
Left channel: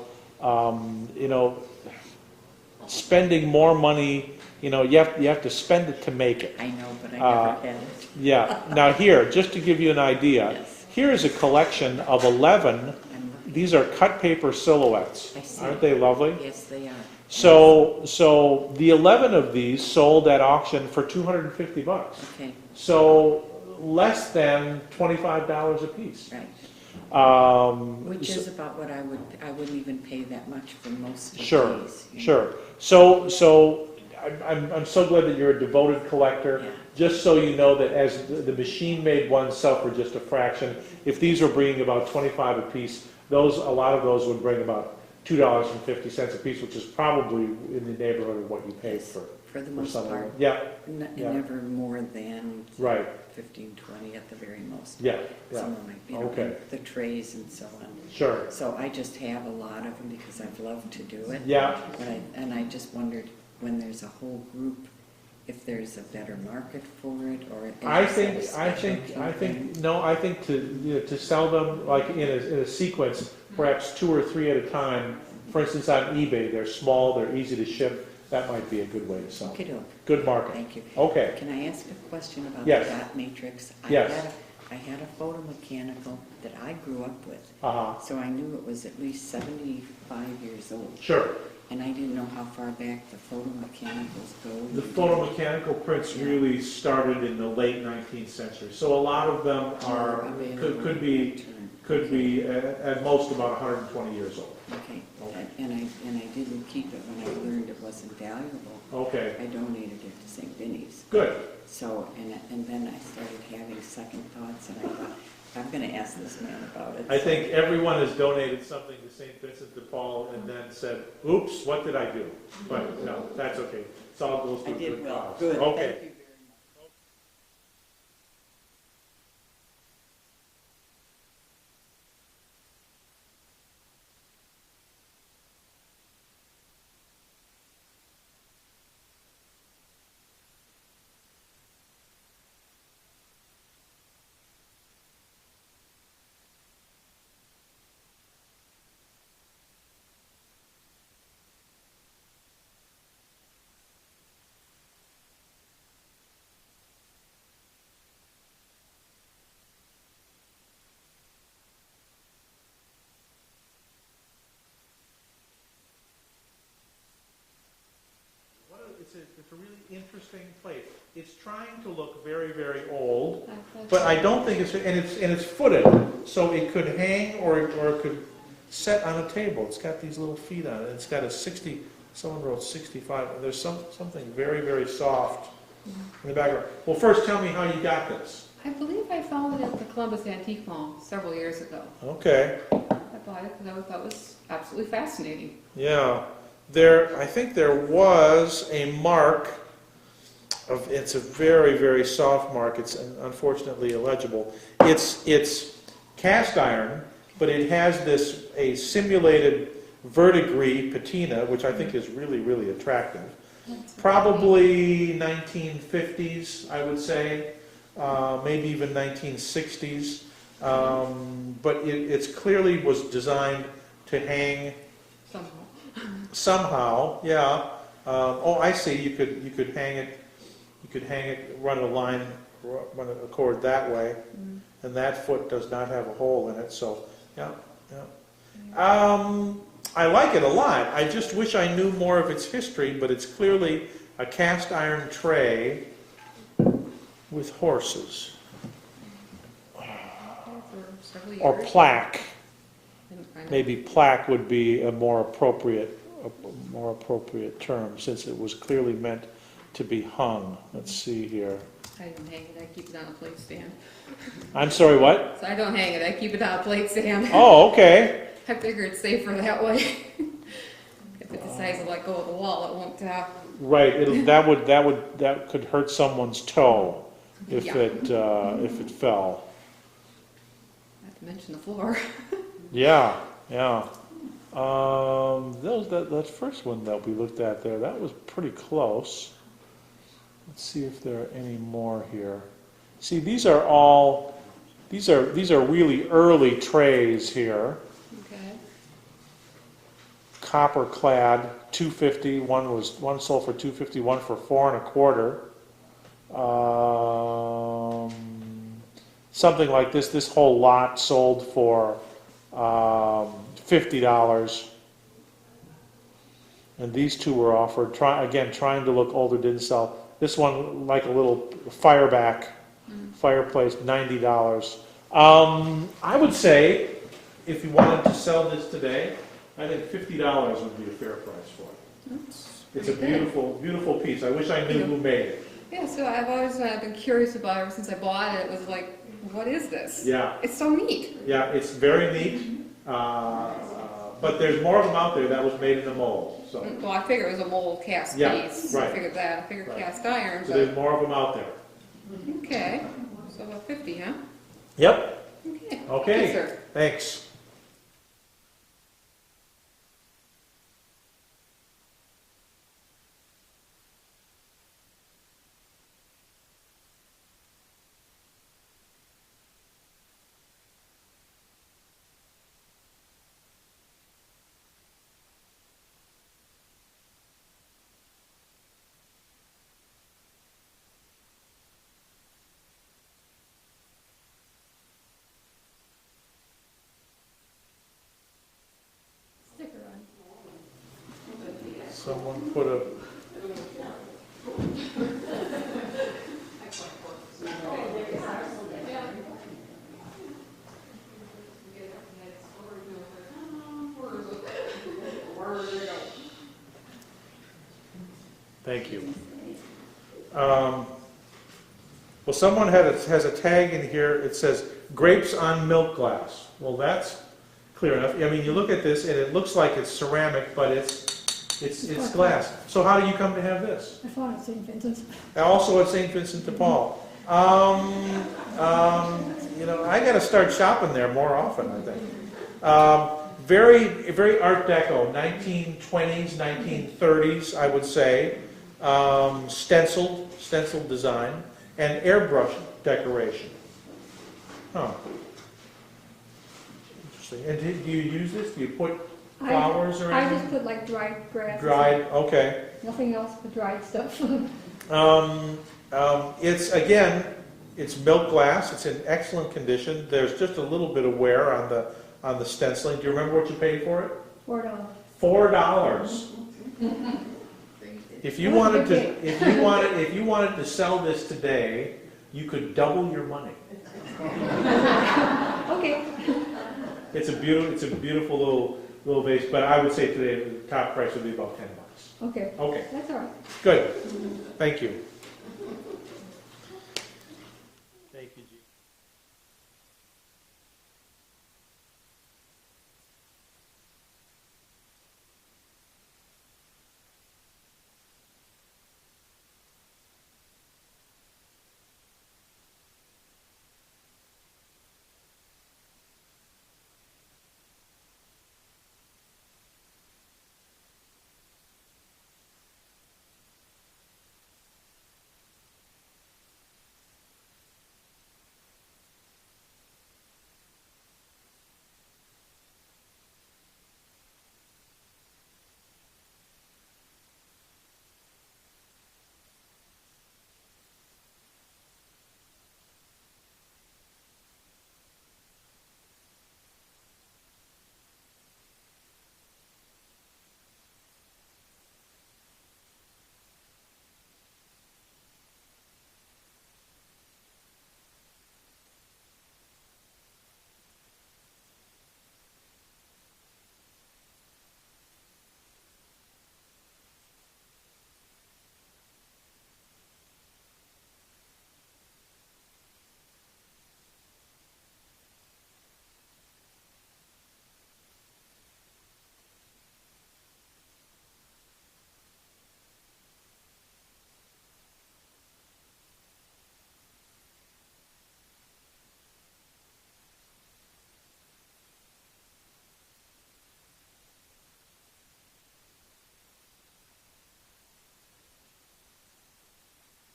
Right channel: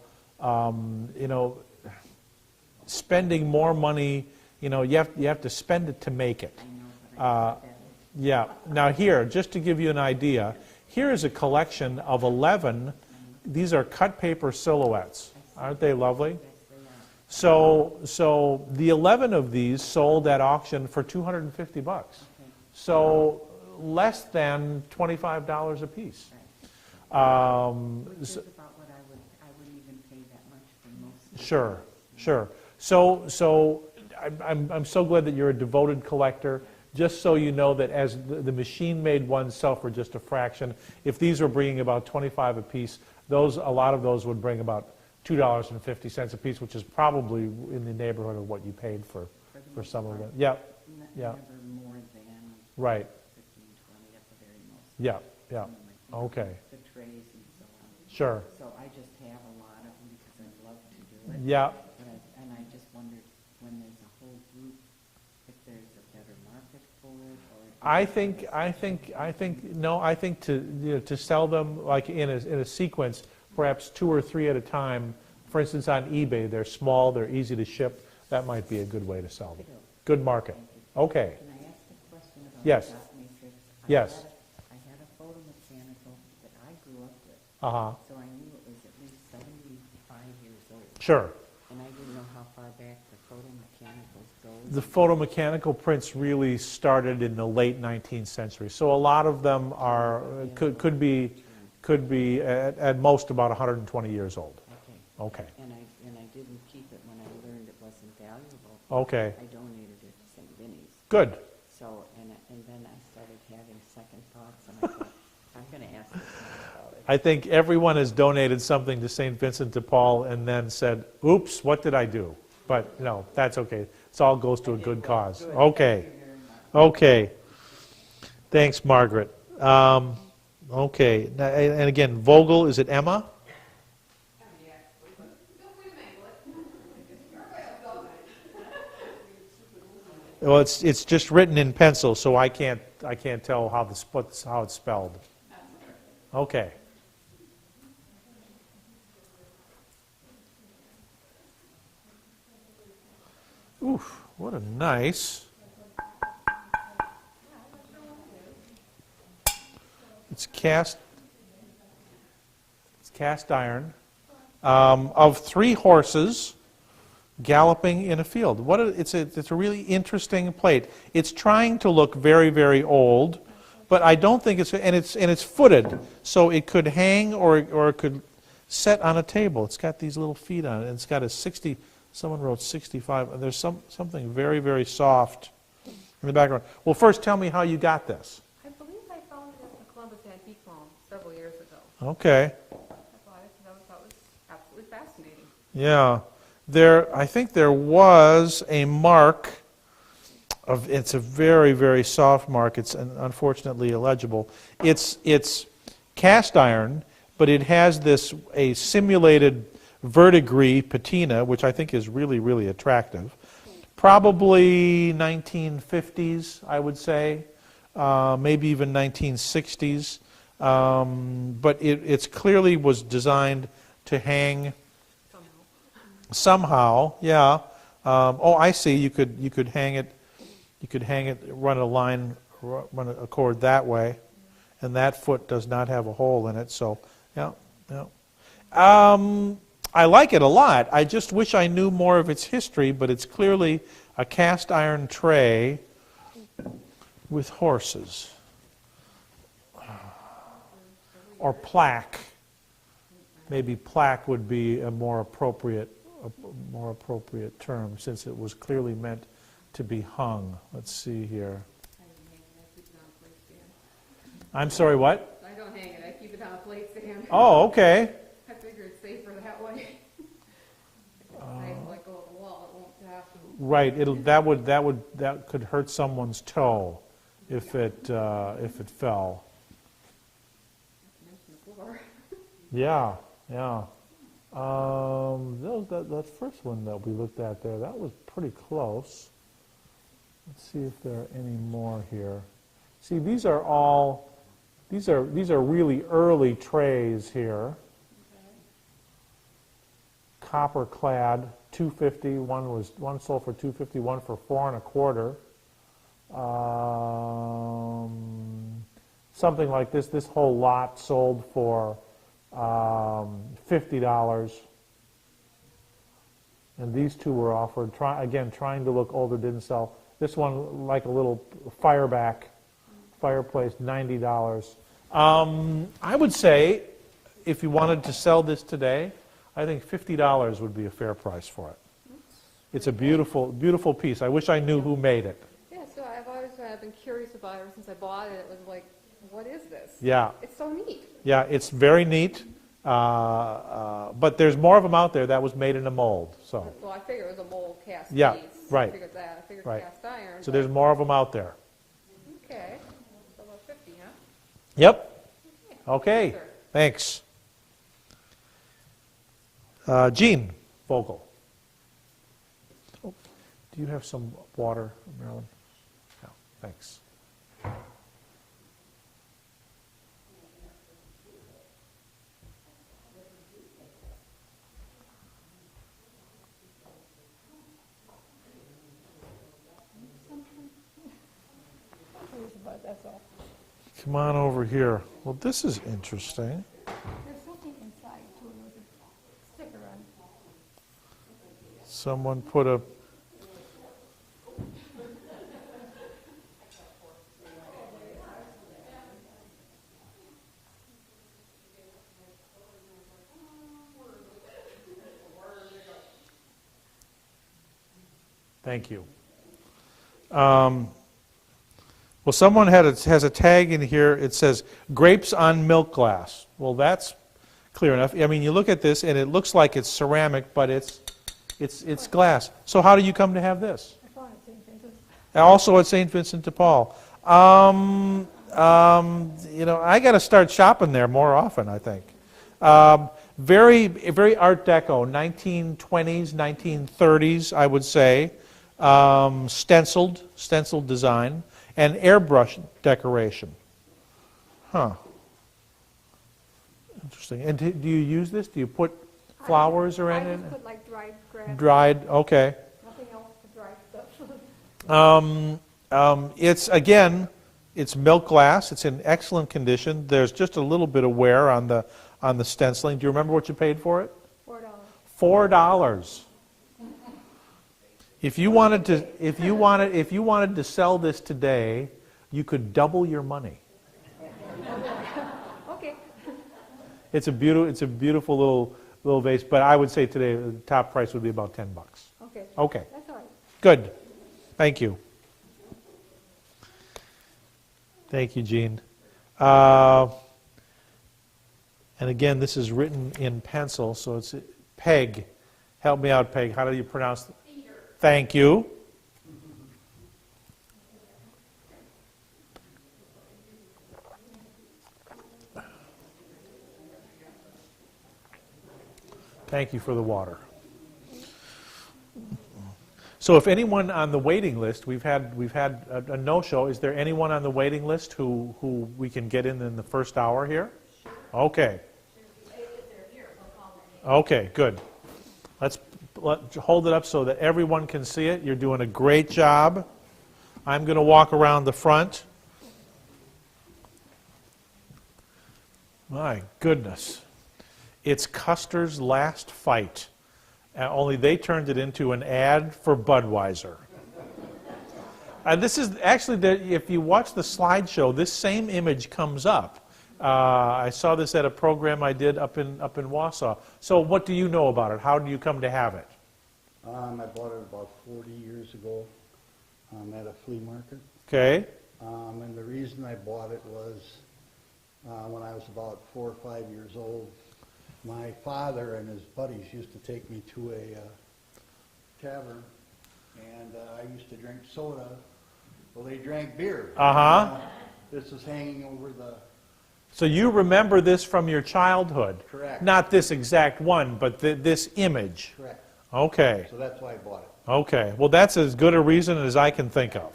spending more money. You have to spend it to make it. I know, but I never had it. Yeah. Now here, just to give you an idea, Yes. here's a collection of 11. I'm looking. These are cut paper silhouettes. I see. Aren't they lovely? Yes, they are. So the 11 of these sold at auction for $250. Okay, So less than $25 a piece. right. Which So- is about what I wouldn't even pay that much for most of Sure, these. you know. sure. So I'm so glad that you're a devoted collector. Yeah. Just so you know that as the machine-made ones sell for just a fraction, if these were bringing about 25 a piece, a lot of those would bring about $2.50 a piece, which is probably in the neighborhood of what you paid for For the most some of part, them. Yeah, yeah. never more than right. 15, 20 at the very most. Yeah, yeah. Some of my, you know, Okay. the trays and so on. Sure. So I just have a lot of them because I've loved to do it. Yeah. But I just wondered, when there's a whole group, if there's a better market for it, or if I there's think a specialty to sell them like in a sequence, perhaps 2 or 3 at a time. For instance, on eBay, they're small, they're easy to ship. that might be a good way to sell them. Okey-doke. Good market. Thank you. Okay. Can I ask a question about Yes. the dot matrix? Yes. I had a photomechanical that I grew up with, Uh-huh, so I knew it was at least 75 years old. sure. And I didn't know how far back the photomechanicals go. The photomechanical prints really started in the late 19th century, so a lot of them are, could be at most about 120 years old. Okay. Okay. And I didn't keep it when I learned it wasn't valuable. Okay, I donated it to St. Vinny's. good. So, and then I started having second thoughts, and I thought, I'm gonna ask this man about it. I think everyone has donated something to St. Vincent de Paul and then said, oops, what did I do? But no, that's okay. It all goes to a good cause. Good. Okay, okay. Thanks, Margaret. Okay, and again, Vogel, is it Emma? Well, it's just written in pencil, so I can't tell how it's spelled. Okay. Oof, what a nice. It's cast iron of 3 horses galloping in a field. It's a really interesting plate. It's trying to look very, very old, but I don't think it's footed, so it could hang or it could set on a table. It's got these little feet on it. It's got a 60. Someone wrote 65. And there's something very, very soft in the background. Well, first tell me how you got this. I believe I found it at the Columbus Antique Mall several years ago. Okay. I bought it because I thought it was absolutely fascinating. Yeah. I think there was a mark of, it's a very, very soft mark. It's unfortunately illegible. It's cast iron, but it has a simulated verdigris patina, which I think is really, really attractive. Probably 1950s, I would say, maybe even 1960s. But it's clearly was designed to hang somehow, yeah. Oh, I see. You could hang it. You could hang it. Run a cord that way, and that foot does not have a hole in it. So, yeah, yeah. I like it a lot. I just wish I knew more of its history. But it's clearly a cast iron tray with horses or plaque. Maybe plaque would be a more appropriate term, since it was clearly meant to be hung. Let's see here. I don't hang it, I keep it on a plate stand. I'm sorry, what? So I don't hang it, I keep it on a plate stand. Oh, okay. I figure it's safer that way. If it decides to let go of the wall, it won't Right. That could hurt someone's toe if Yeah. if it fell. not to mention the floor. Yeah, yeah. That first one that we looked at there, that was pretty close. Let's see if there are any more here. See, these are really early trays here. Okay. Copper clad, $2.50. One sold for $2.50, one for $4.25. Something like this. This whole lot sold for $50. And these two were offered. Trying to look older, didn't sell. This one, like a little fireplace, $90. I would say, if you wanted to sell this today, I think $50 would be a fair price for it. It's a beautiful, beautiful piece. I wish I knew who made it. Yeah, so I've always been curious about it ever since I bought it. It was like, what is this? Yeah. It's so neat. Yeah, it's very neat. But there's more of them out there that was made in a mold. So, Well, I figured it was a mold cast Yeah, piece. right. I figured that. I figured Right. cast iron. so But, there's more of them out there. okay. So about 50, huh? Yep. Okay. Okay. Thank you, sir. Thanks. Gene Vogel. Oh, do you have some water, Marilyn? No, thanks. that's all. Come on over here. Well, this is interesting. There's something inside too, with a sticker on. Someone put a... Thank you. Well, someone has a tag in here. It says grapes on milk glass. Well, that's clear enough. I mean, you look at this and it looks like it's ceramic, but it's glass. So how do you come to have this? I found it at St. Vincent's. Also at St. Vincent de Paul. You know, I got to start shopping there more often, I think. Very, very Art Deco, 1920s, 1930s, I would say. Stenciled design, and airbrush decoration. Huh. Interesting. And do you use this? Do you put flowers or I anything? just put like dried grass. Dried, okay. Nothing else but dried stuff. It's milk glass. It's in excellent condition. There's just a little bit of wear on the stenciling. Do you remember what you paid for it? $4. $4. If you wanted to sell this today, you could double your money. Okay. It's a beautiful little vase, but I would say today the top price would be about $10. Okay. Okay. That's all right. Good. Thank you. Thank you, Jean. And again, this is written in pencil, so it's Peg. Help me out, Peg. How do you pronounce it? Thank you. Thank you for the water. So if anyone on the waiting list, we've had a no-show. Is there anyone on the waiting list who we can get in the first hour here? Okay. Okay, good. Let's hold it up so that everyone can see it. You're doing a great job. I'm going to walk around the front. My goodness. It's Custer's last fight. Only they turned it into an ad for Budweiser. This is actually, if you watch the slideshow, this same image comes up. I saw this at a program I did up in Wausau. So what do you know about it? How do you come to have it? I bought it about 40 years ago at a flea market. Okay. And the reason I bought it was when I was about 4 or 5 years old, my father and his buddies used to take me to a tavern, and I used to drink soda. Well, they drank beer. Uh-huh. This was hanging over the... So you remember this from your childhood? Correct. Not this exact one, but this image? Correct. Okay. So that's why I bought it. Okay. Well, that's as good a reason as I can think of.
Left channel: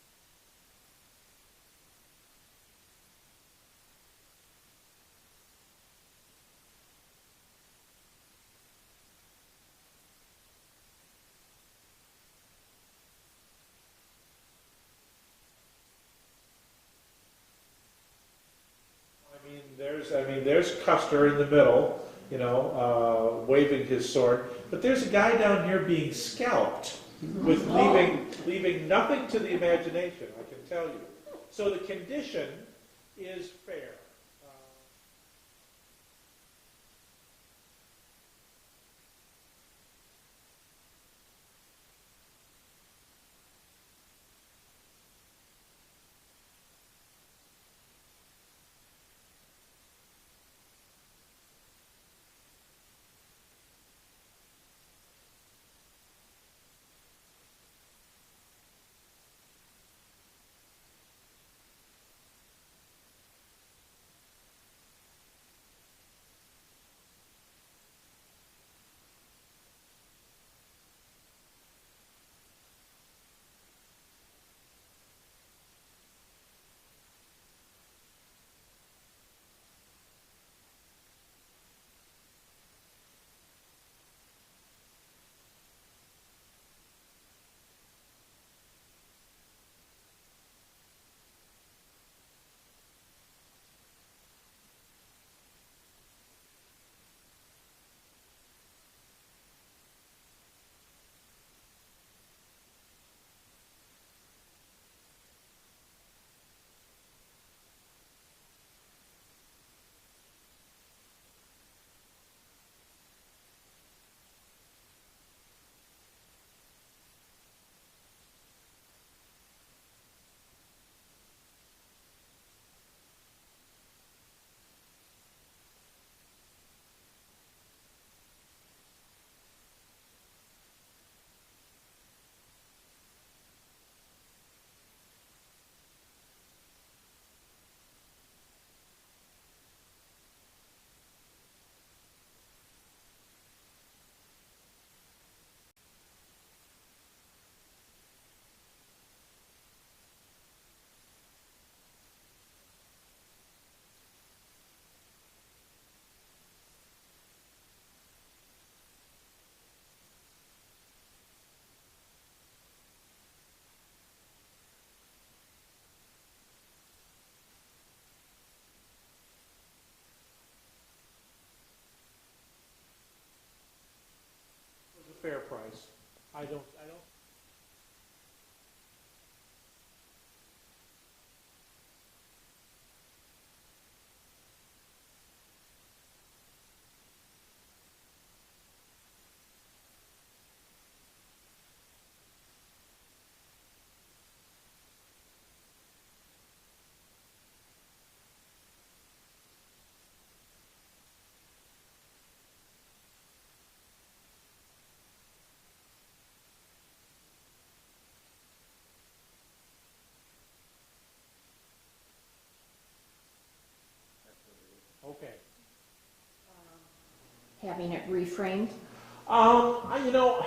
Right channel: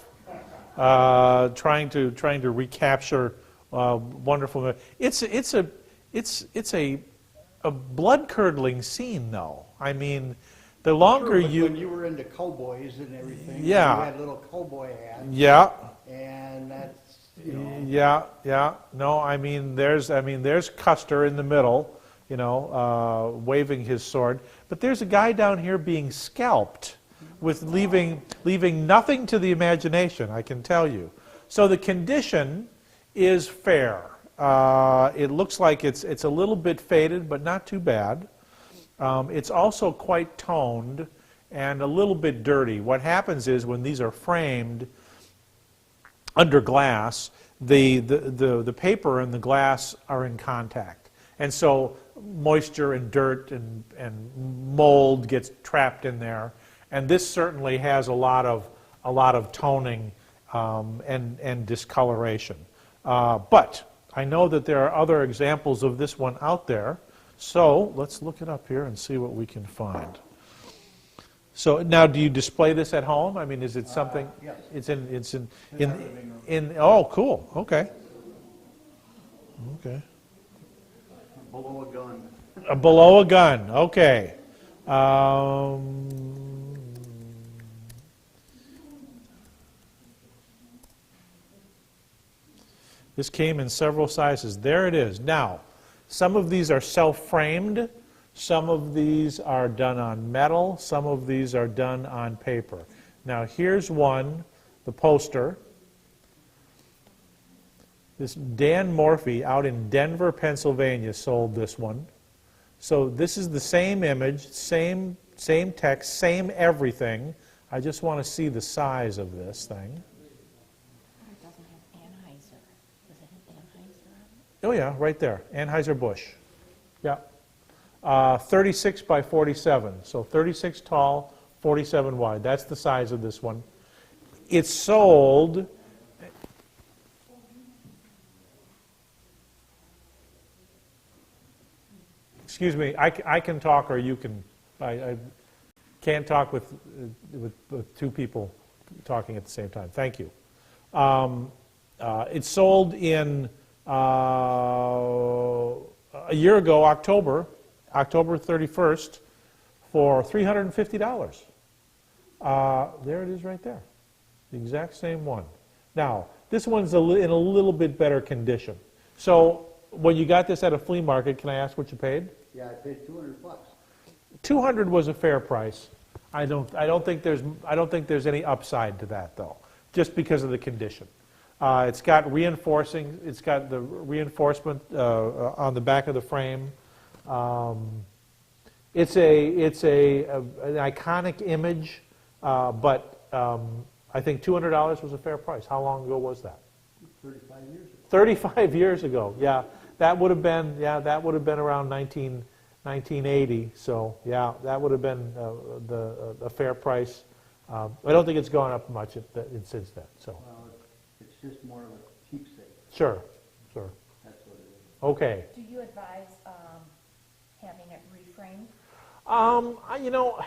Trying to recapture wonderful. It's a blood-curdling scene, though. I mean, the longer sure, you... when you were into cowboys and everything, yeah. you had little cowboy hats. Yeah. And that's, you know... Yeah. No, I mean, there's Custer in the middle, waving his sword. But there's a guy down here being scalped, with leaving nothing to the imagination, I can tell you. So the condition is fair. It looks like it's a little bit faded, but not too bad. It's also quite toned and a little bit dirty. What happens is when these are framed under glass, the paper and the glass are in contact. And so moisture and dirt and mold gets trapped in there. And this certainly has a lot of toning and discoloration. But I know that there are other examples of this one out there. So let's look it up here and see what we can find. So now, do you display this at home? I mean, is it something? Yes. It's in. Oh, cool. Okay. Okay. Below a gun. Below a gun. Okay. This came in several sizes. There it is. Now, some of these are self-framed. Some of these are done on metal. Some of these are done on paper. Now, here's one, the poster. This Dan Morphy out in Denver, Pennsylvania sold this one. So this is the same image, same text, same everything. I just want to see the size of this thing. It doesn't have Anheuser. Does it have Anheuser on it? Oh yeah, right there, Anheuser-Busch. Yeah. 36 by 47, so 36 tall, 47 wide. That's the size of this one. It's sold, excuse me, I can talk or you can, I can't talk with two people talking at the same time. Thank you. It's sold in, a year ago, October 31st, for $350. There it is right there. The exact same one. Now, this one's in a little bit better condition. So, when you got this at a flea market, can I ask what you paid? Yeah, I paid $200. 200 was a fair price. I don't think there's any upside to that though, just because of the condition. It's got the reinforcement on the back of the frame. It's an iconic image, but I think $200 was a fair price. How long ago was that? 35 years ago. 35 years ago. Yeah, that would have been around 1980. So yeah, that would have been a fair price. I don't think it's gone up much since then. So Well, it's just more of a keepsake. sure. That's what it is. Okay. Do you advise having it reframed? You know,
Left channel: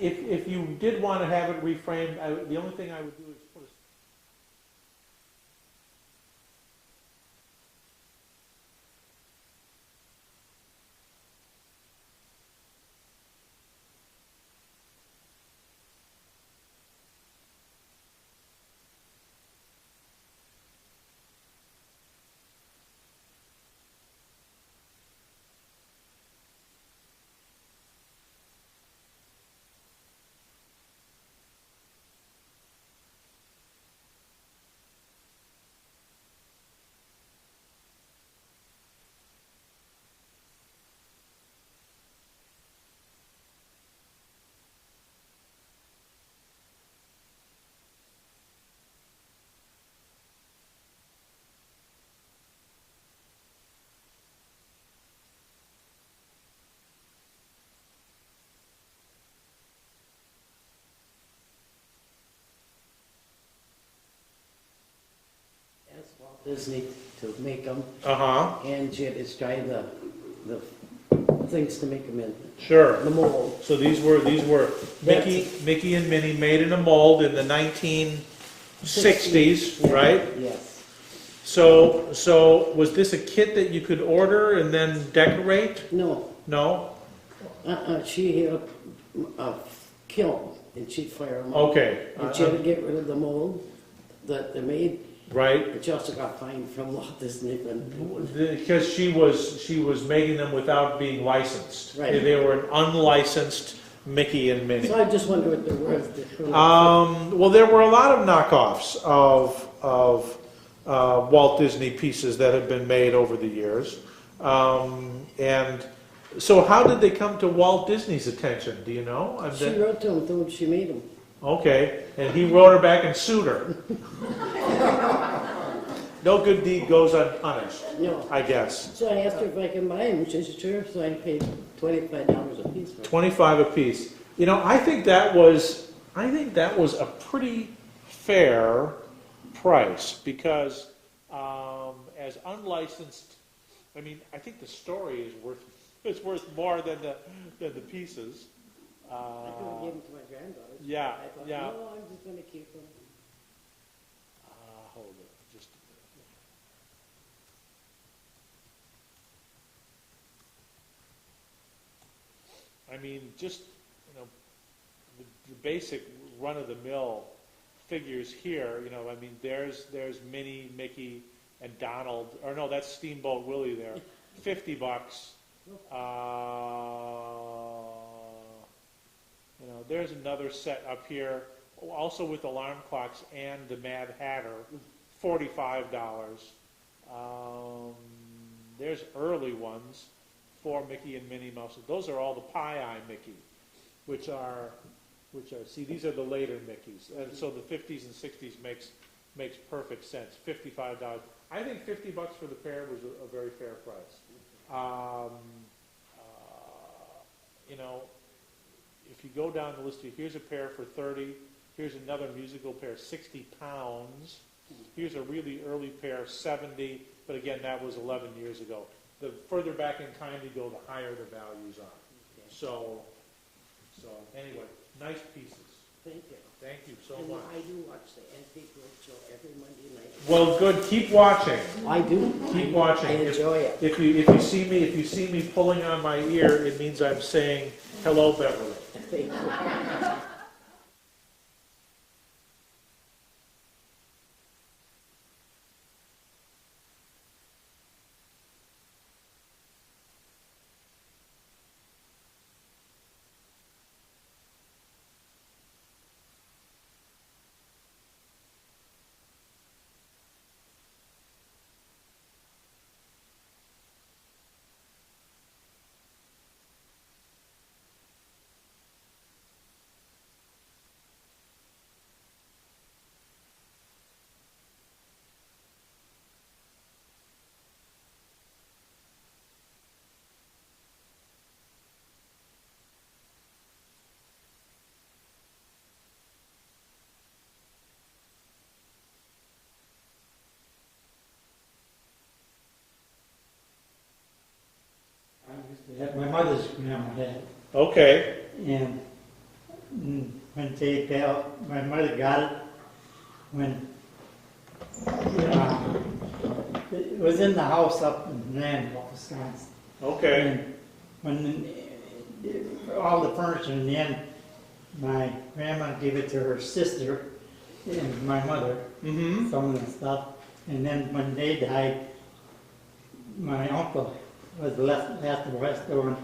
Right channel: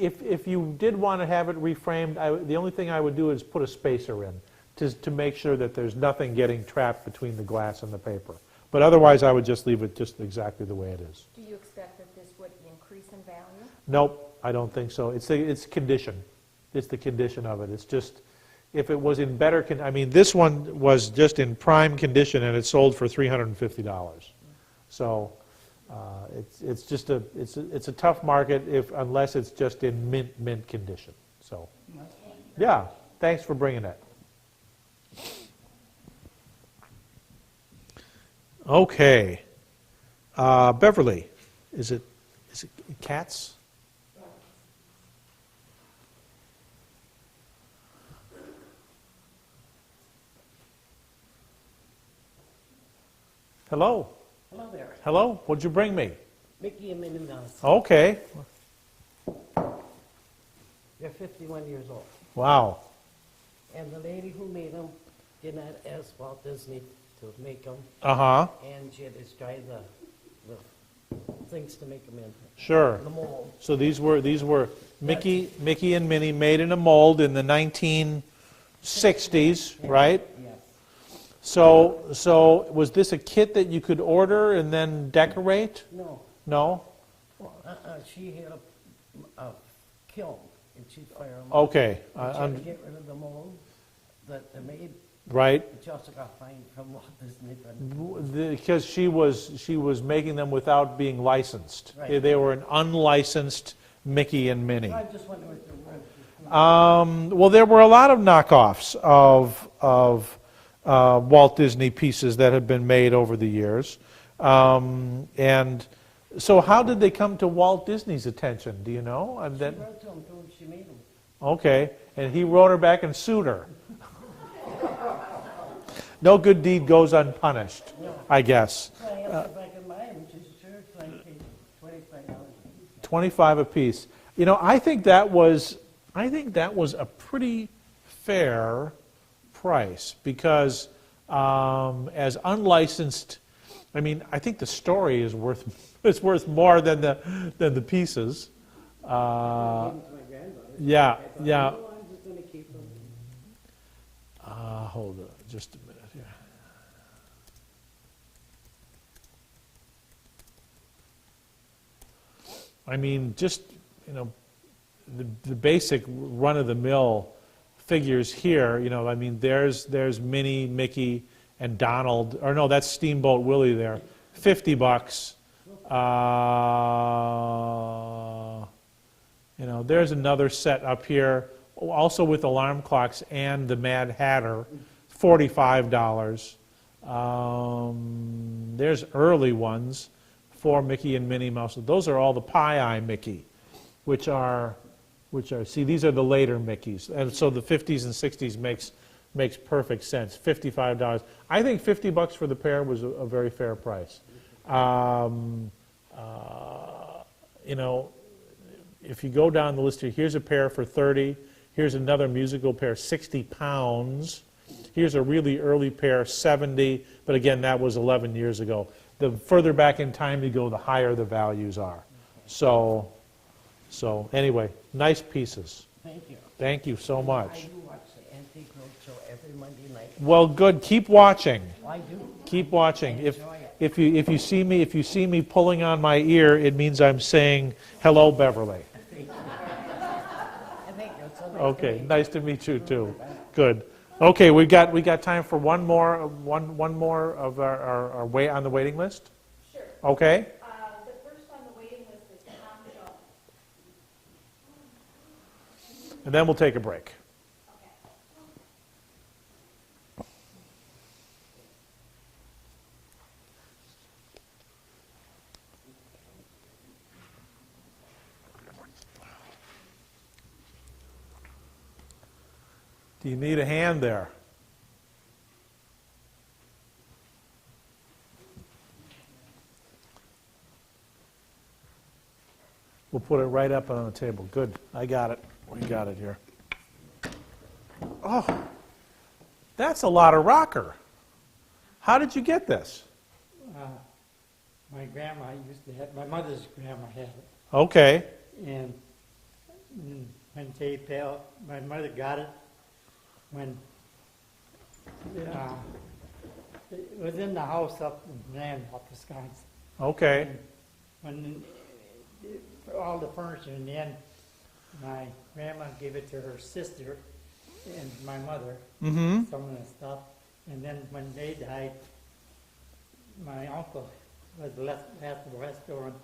if you did want to have it reframed, the only thing I would do is put a spacer in to make sure that there's nothing getting trapped between the glass and the paper. But otherwise, I would just leave it just exactly the way it is. Do you expect that this would increase in value? Nope, I don't think so. It's condition. It's the condition of it. It's just, if it was in better I mean, this one was just in prime condition and it sold for $350. So it's just it's a tough market unless it's just in mint condition. So yeah, thanks for bringing that. Okay, Beverly, is it cats? Hello. Hello there. Hello. What'd you bring me? Mickey and Minnie Mouse. Okay. They're 51 years old. Wow. And the lady who made them did not ask Walt Disney to make them. Uh-huh. And she had to try the things to make them in. Sure. The mold. So these were Mickey and Minnie made in a mold in the 1960s, right? Yes. So was this a kit that you could order and then decorate? No. No? She had a kiln and she'd fire them. Okay. And she had to get rid of the mold that they made. Right. And she also got fined from Walt Disney. Because she was making them without being licensed. Right. They were an unlicensed Mickey and Minnie. So I just wonder what they're worth. Well, there were a lot of knockoffs of Walt Disney pieces that have been made over the years. And so how did they come to Walt Disney's attention? Do you know? She wrote to him, told him she made them. Okay, and he wrote her back and sued her. No good deed goes unpunished, No. I guess. So I asked her if I can buy them. She said, sure. So I paid $25 a piece for them. 25 apiece. You know, I think that was a pretty fair price because as unlicensed, I mean, I think the story is worth more than the pieces. I gave them to my granddaughter. Yeah, I thought, yeah. no, I'm just going to keep them. Hold on, just a minute here. I mean, just, you know, the basic run-of-the-mill figures here, you know, I mean, there's Minnie, Mickey, and Donald, or no, that's Steamboat Willie there, $50. You know, there's another set up here, also with alarm clocks and the Mad Hatter, $45. There's early ones for Mickey and Minnie Mouse. Those are all the Pie-Eye Mickey, which are, see, these are the later Mickeys. And so the 50s and 60s makes perfect sense. $55. I think $50 for the pair was a very fair price. You know, if you go down the list here, here's a pair for 30. Here's another musical pair, 60 pounds. Here's a really early pair, 70. But again, that was 11 years ago. The further back in time you go, the higher the values are. So anyway, nice pieces. Thank you. Thank you so much. I do watch the Antique Roadshow every Monday night. Well, good. Keep watching. I do. Keep watching. I enjoy it. If you see me pulling on my ear, it means I'm saying hello, Beverly. Thank you. I think that's all right. Okay. Nice to meet you too. Good. Okay, we got time for one more of our way on the waiting list. Sure. Okay. The first on the waiting list is Tom Jones. And then we'll take a break. Do you need a hand there? We'll put it right up on the table. Good. I got it. We got it here. Oh, that's a lot of rocker. How did you get this? My grandma used to have, my mother's grandma had, Okay. and when they fell, my mother got it when it was in the house up in Randolph, Wisconsin. Okay. And when all the furniture in the end, my grandma gave it to her sister and my mother, some of the stuff. And then when they died, my uncle was left the rest over,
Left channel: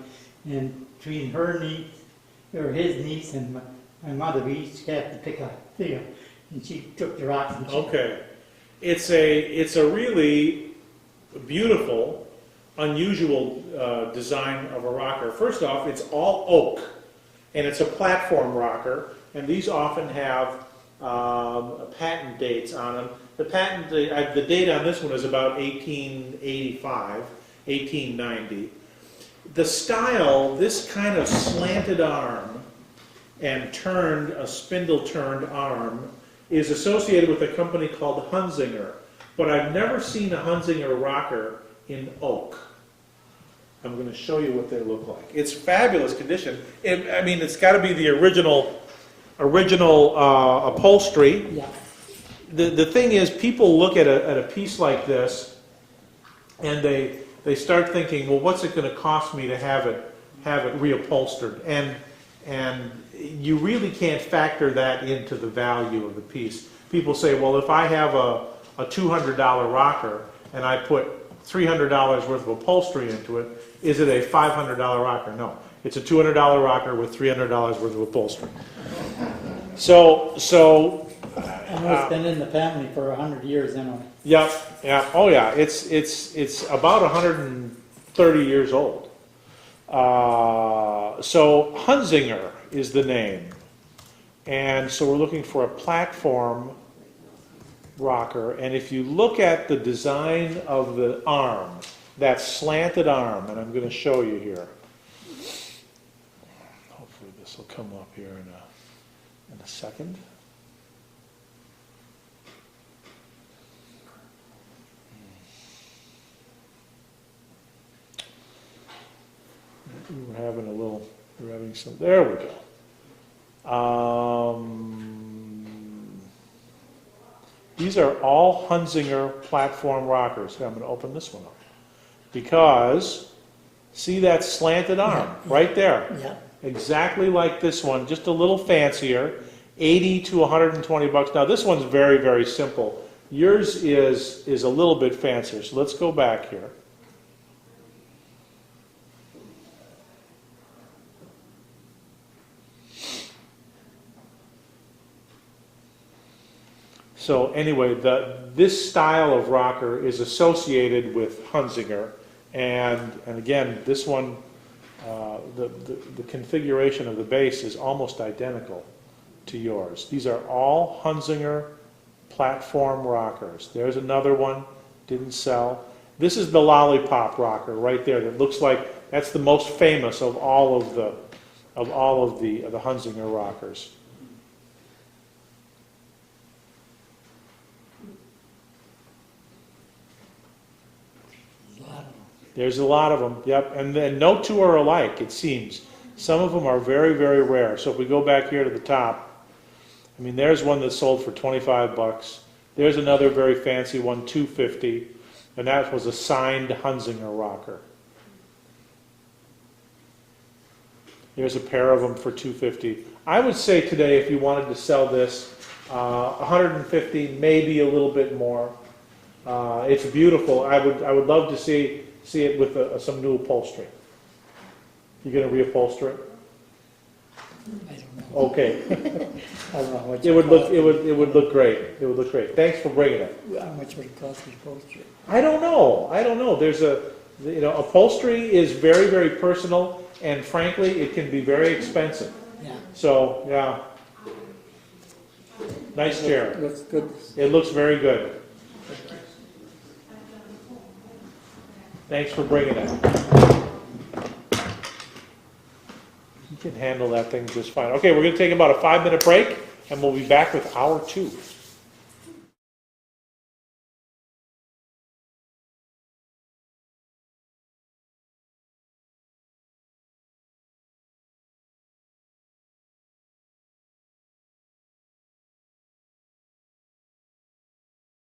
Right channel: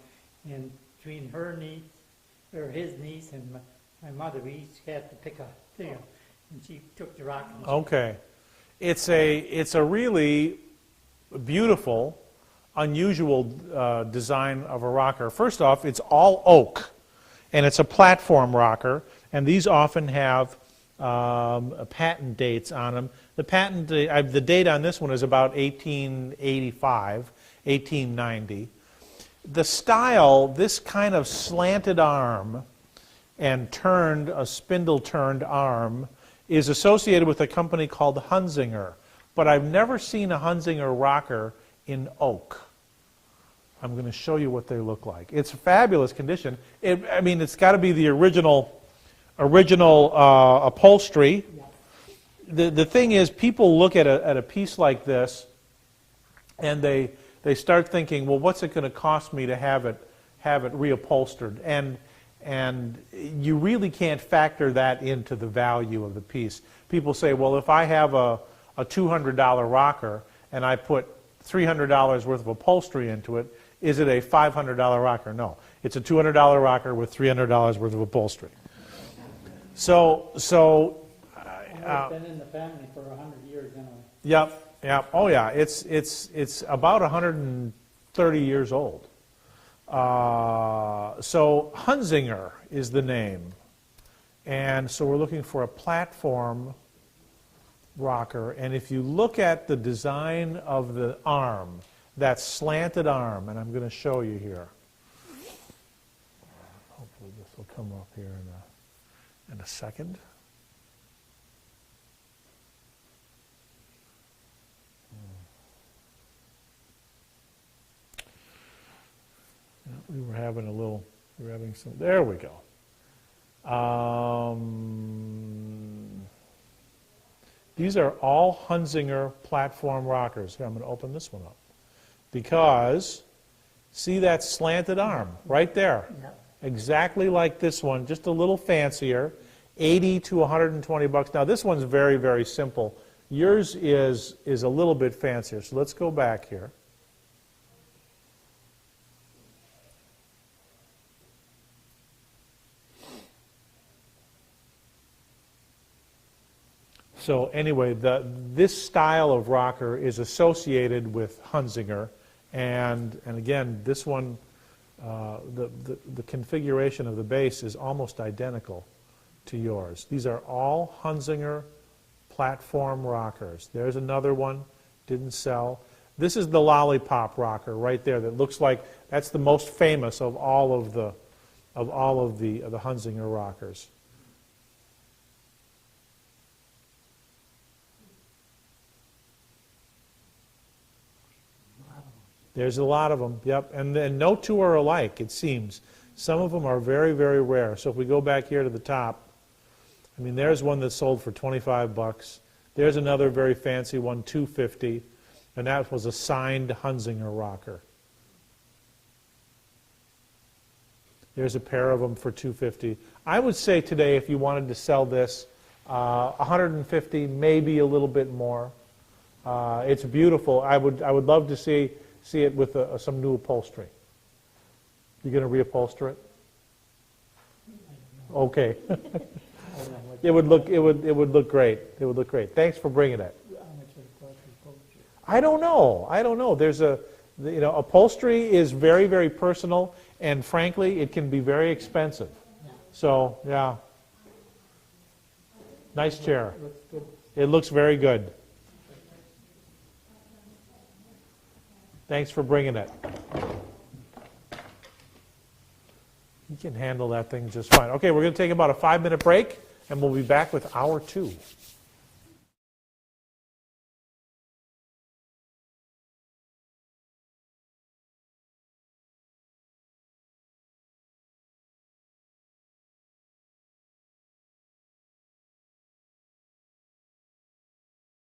and between her niece, or his niece, and my mother, we each had to pick a thing, and she took the rocks. And Okay. It's a really beautiful, unusual design of a rocker. First off, it's all oak, and it's a platform rocker, and these often have patent dates on them. The date on this one is about 1885, 1890. The style, this kind of slanted arm and a spindle-turned arm, is associated with a company called Hunzinger, but I've never seen a Hunzinger rocker in oak. I'm going to show you what they look like. It's fabulous condition. And, I mean, it's got to be the original upholstery. Yeah. The thing is, people look at a piece like this, and they start thinking, well, what's it going to cost me to have it reupholstered? And you really can't factor that into the value of the piece. People say, well, if I have a $200 rocker and I put $300 worth of upholstery into it, is it a $500 rocker? No, it's a $200 rocker with $300 worth of upholstery. So I know it's been in the family for 100 years anyway. Yep, yeah, oh yeah, it's about 130 years old. So Hunzinger is the name, and so we're looking for a platform rocker. And if you look at the design of the arm, that slanted arm, and I'm going to show you here. Hopefully this will come up here in a second. We're having some, there we go. These are all Hunzinger platform rockers. I'm going to open this one up. Because, see that slanted arm right there? Yeah. Exactly like this one, just a little fancier. $80 to $120. Now this one's very, very simple. Yours is a little bit fancier, so let's go back here. So anyway, this style of rocker is associated with Hunzinger, and again, this one, the configuration of the base is almost identical to yours. These are all Hunzinger platform rockers. There's another one, didn't sell. This is the lollipop rocker right there. That looks like that's the most famous of all of the Hunzinger rockers. There's a lot of them, yep. And then no two are alike, it seems. Some of them are very, very rare. So if we go back here to the top, I mean, there's one that sold for 25 bucks. There's another very fancy one, $250, and that was a signed Hunzinger rocker. There's a pair of them for $250. I would say today, if you wanted to sell this, $150, maybe a little bit more. It's beautiful. I would love to see it with some new upholstery. You gonna reupholster it? I don't know. Okay. I don't know what It would look great. It would look great. Thanks for bringing it. How much would it cost to upholster? I don't know. There's upholstery is very, very personal, and frankly, it can be very expensive. Yeah. So, yeah. Nice chair. It looks good. It looks very good. Thanks for bringing it. You can handle that thing just fine. Okay, we're going to take about a 5-minute break, and we'll be back with hour 2.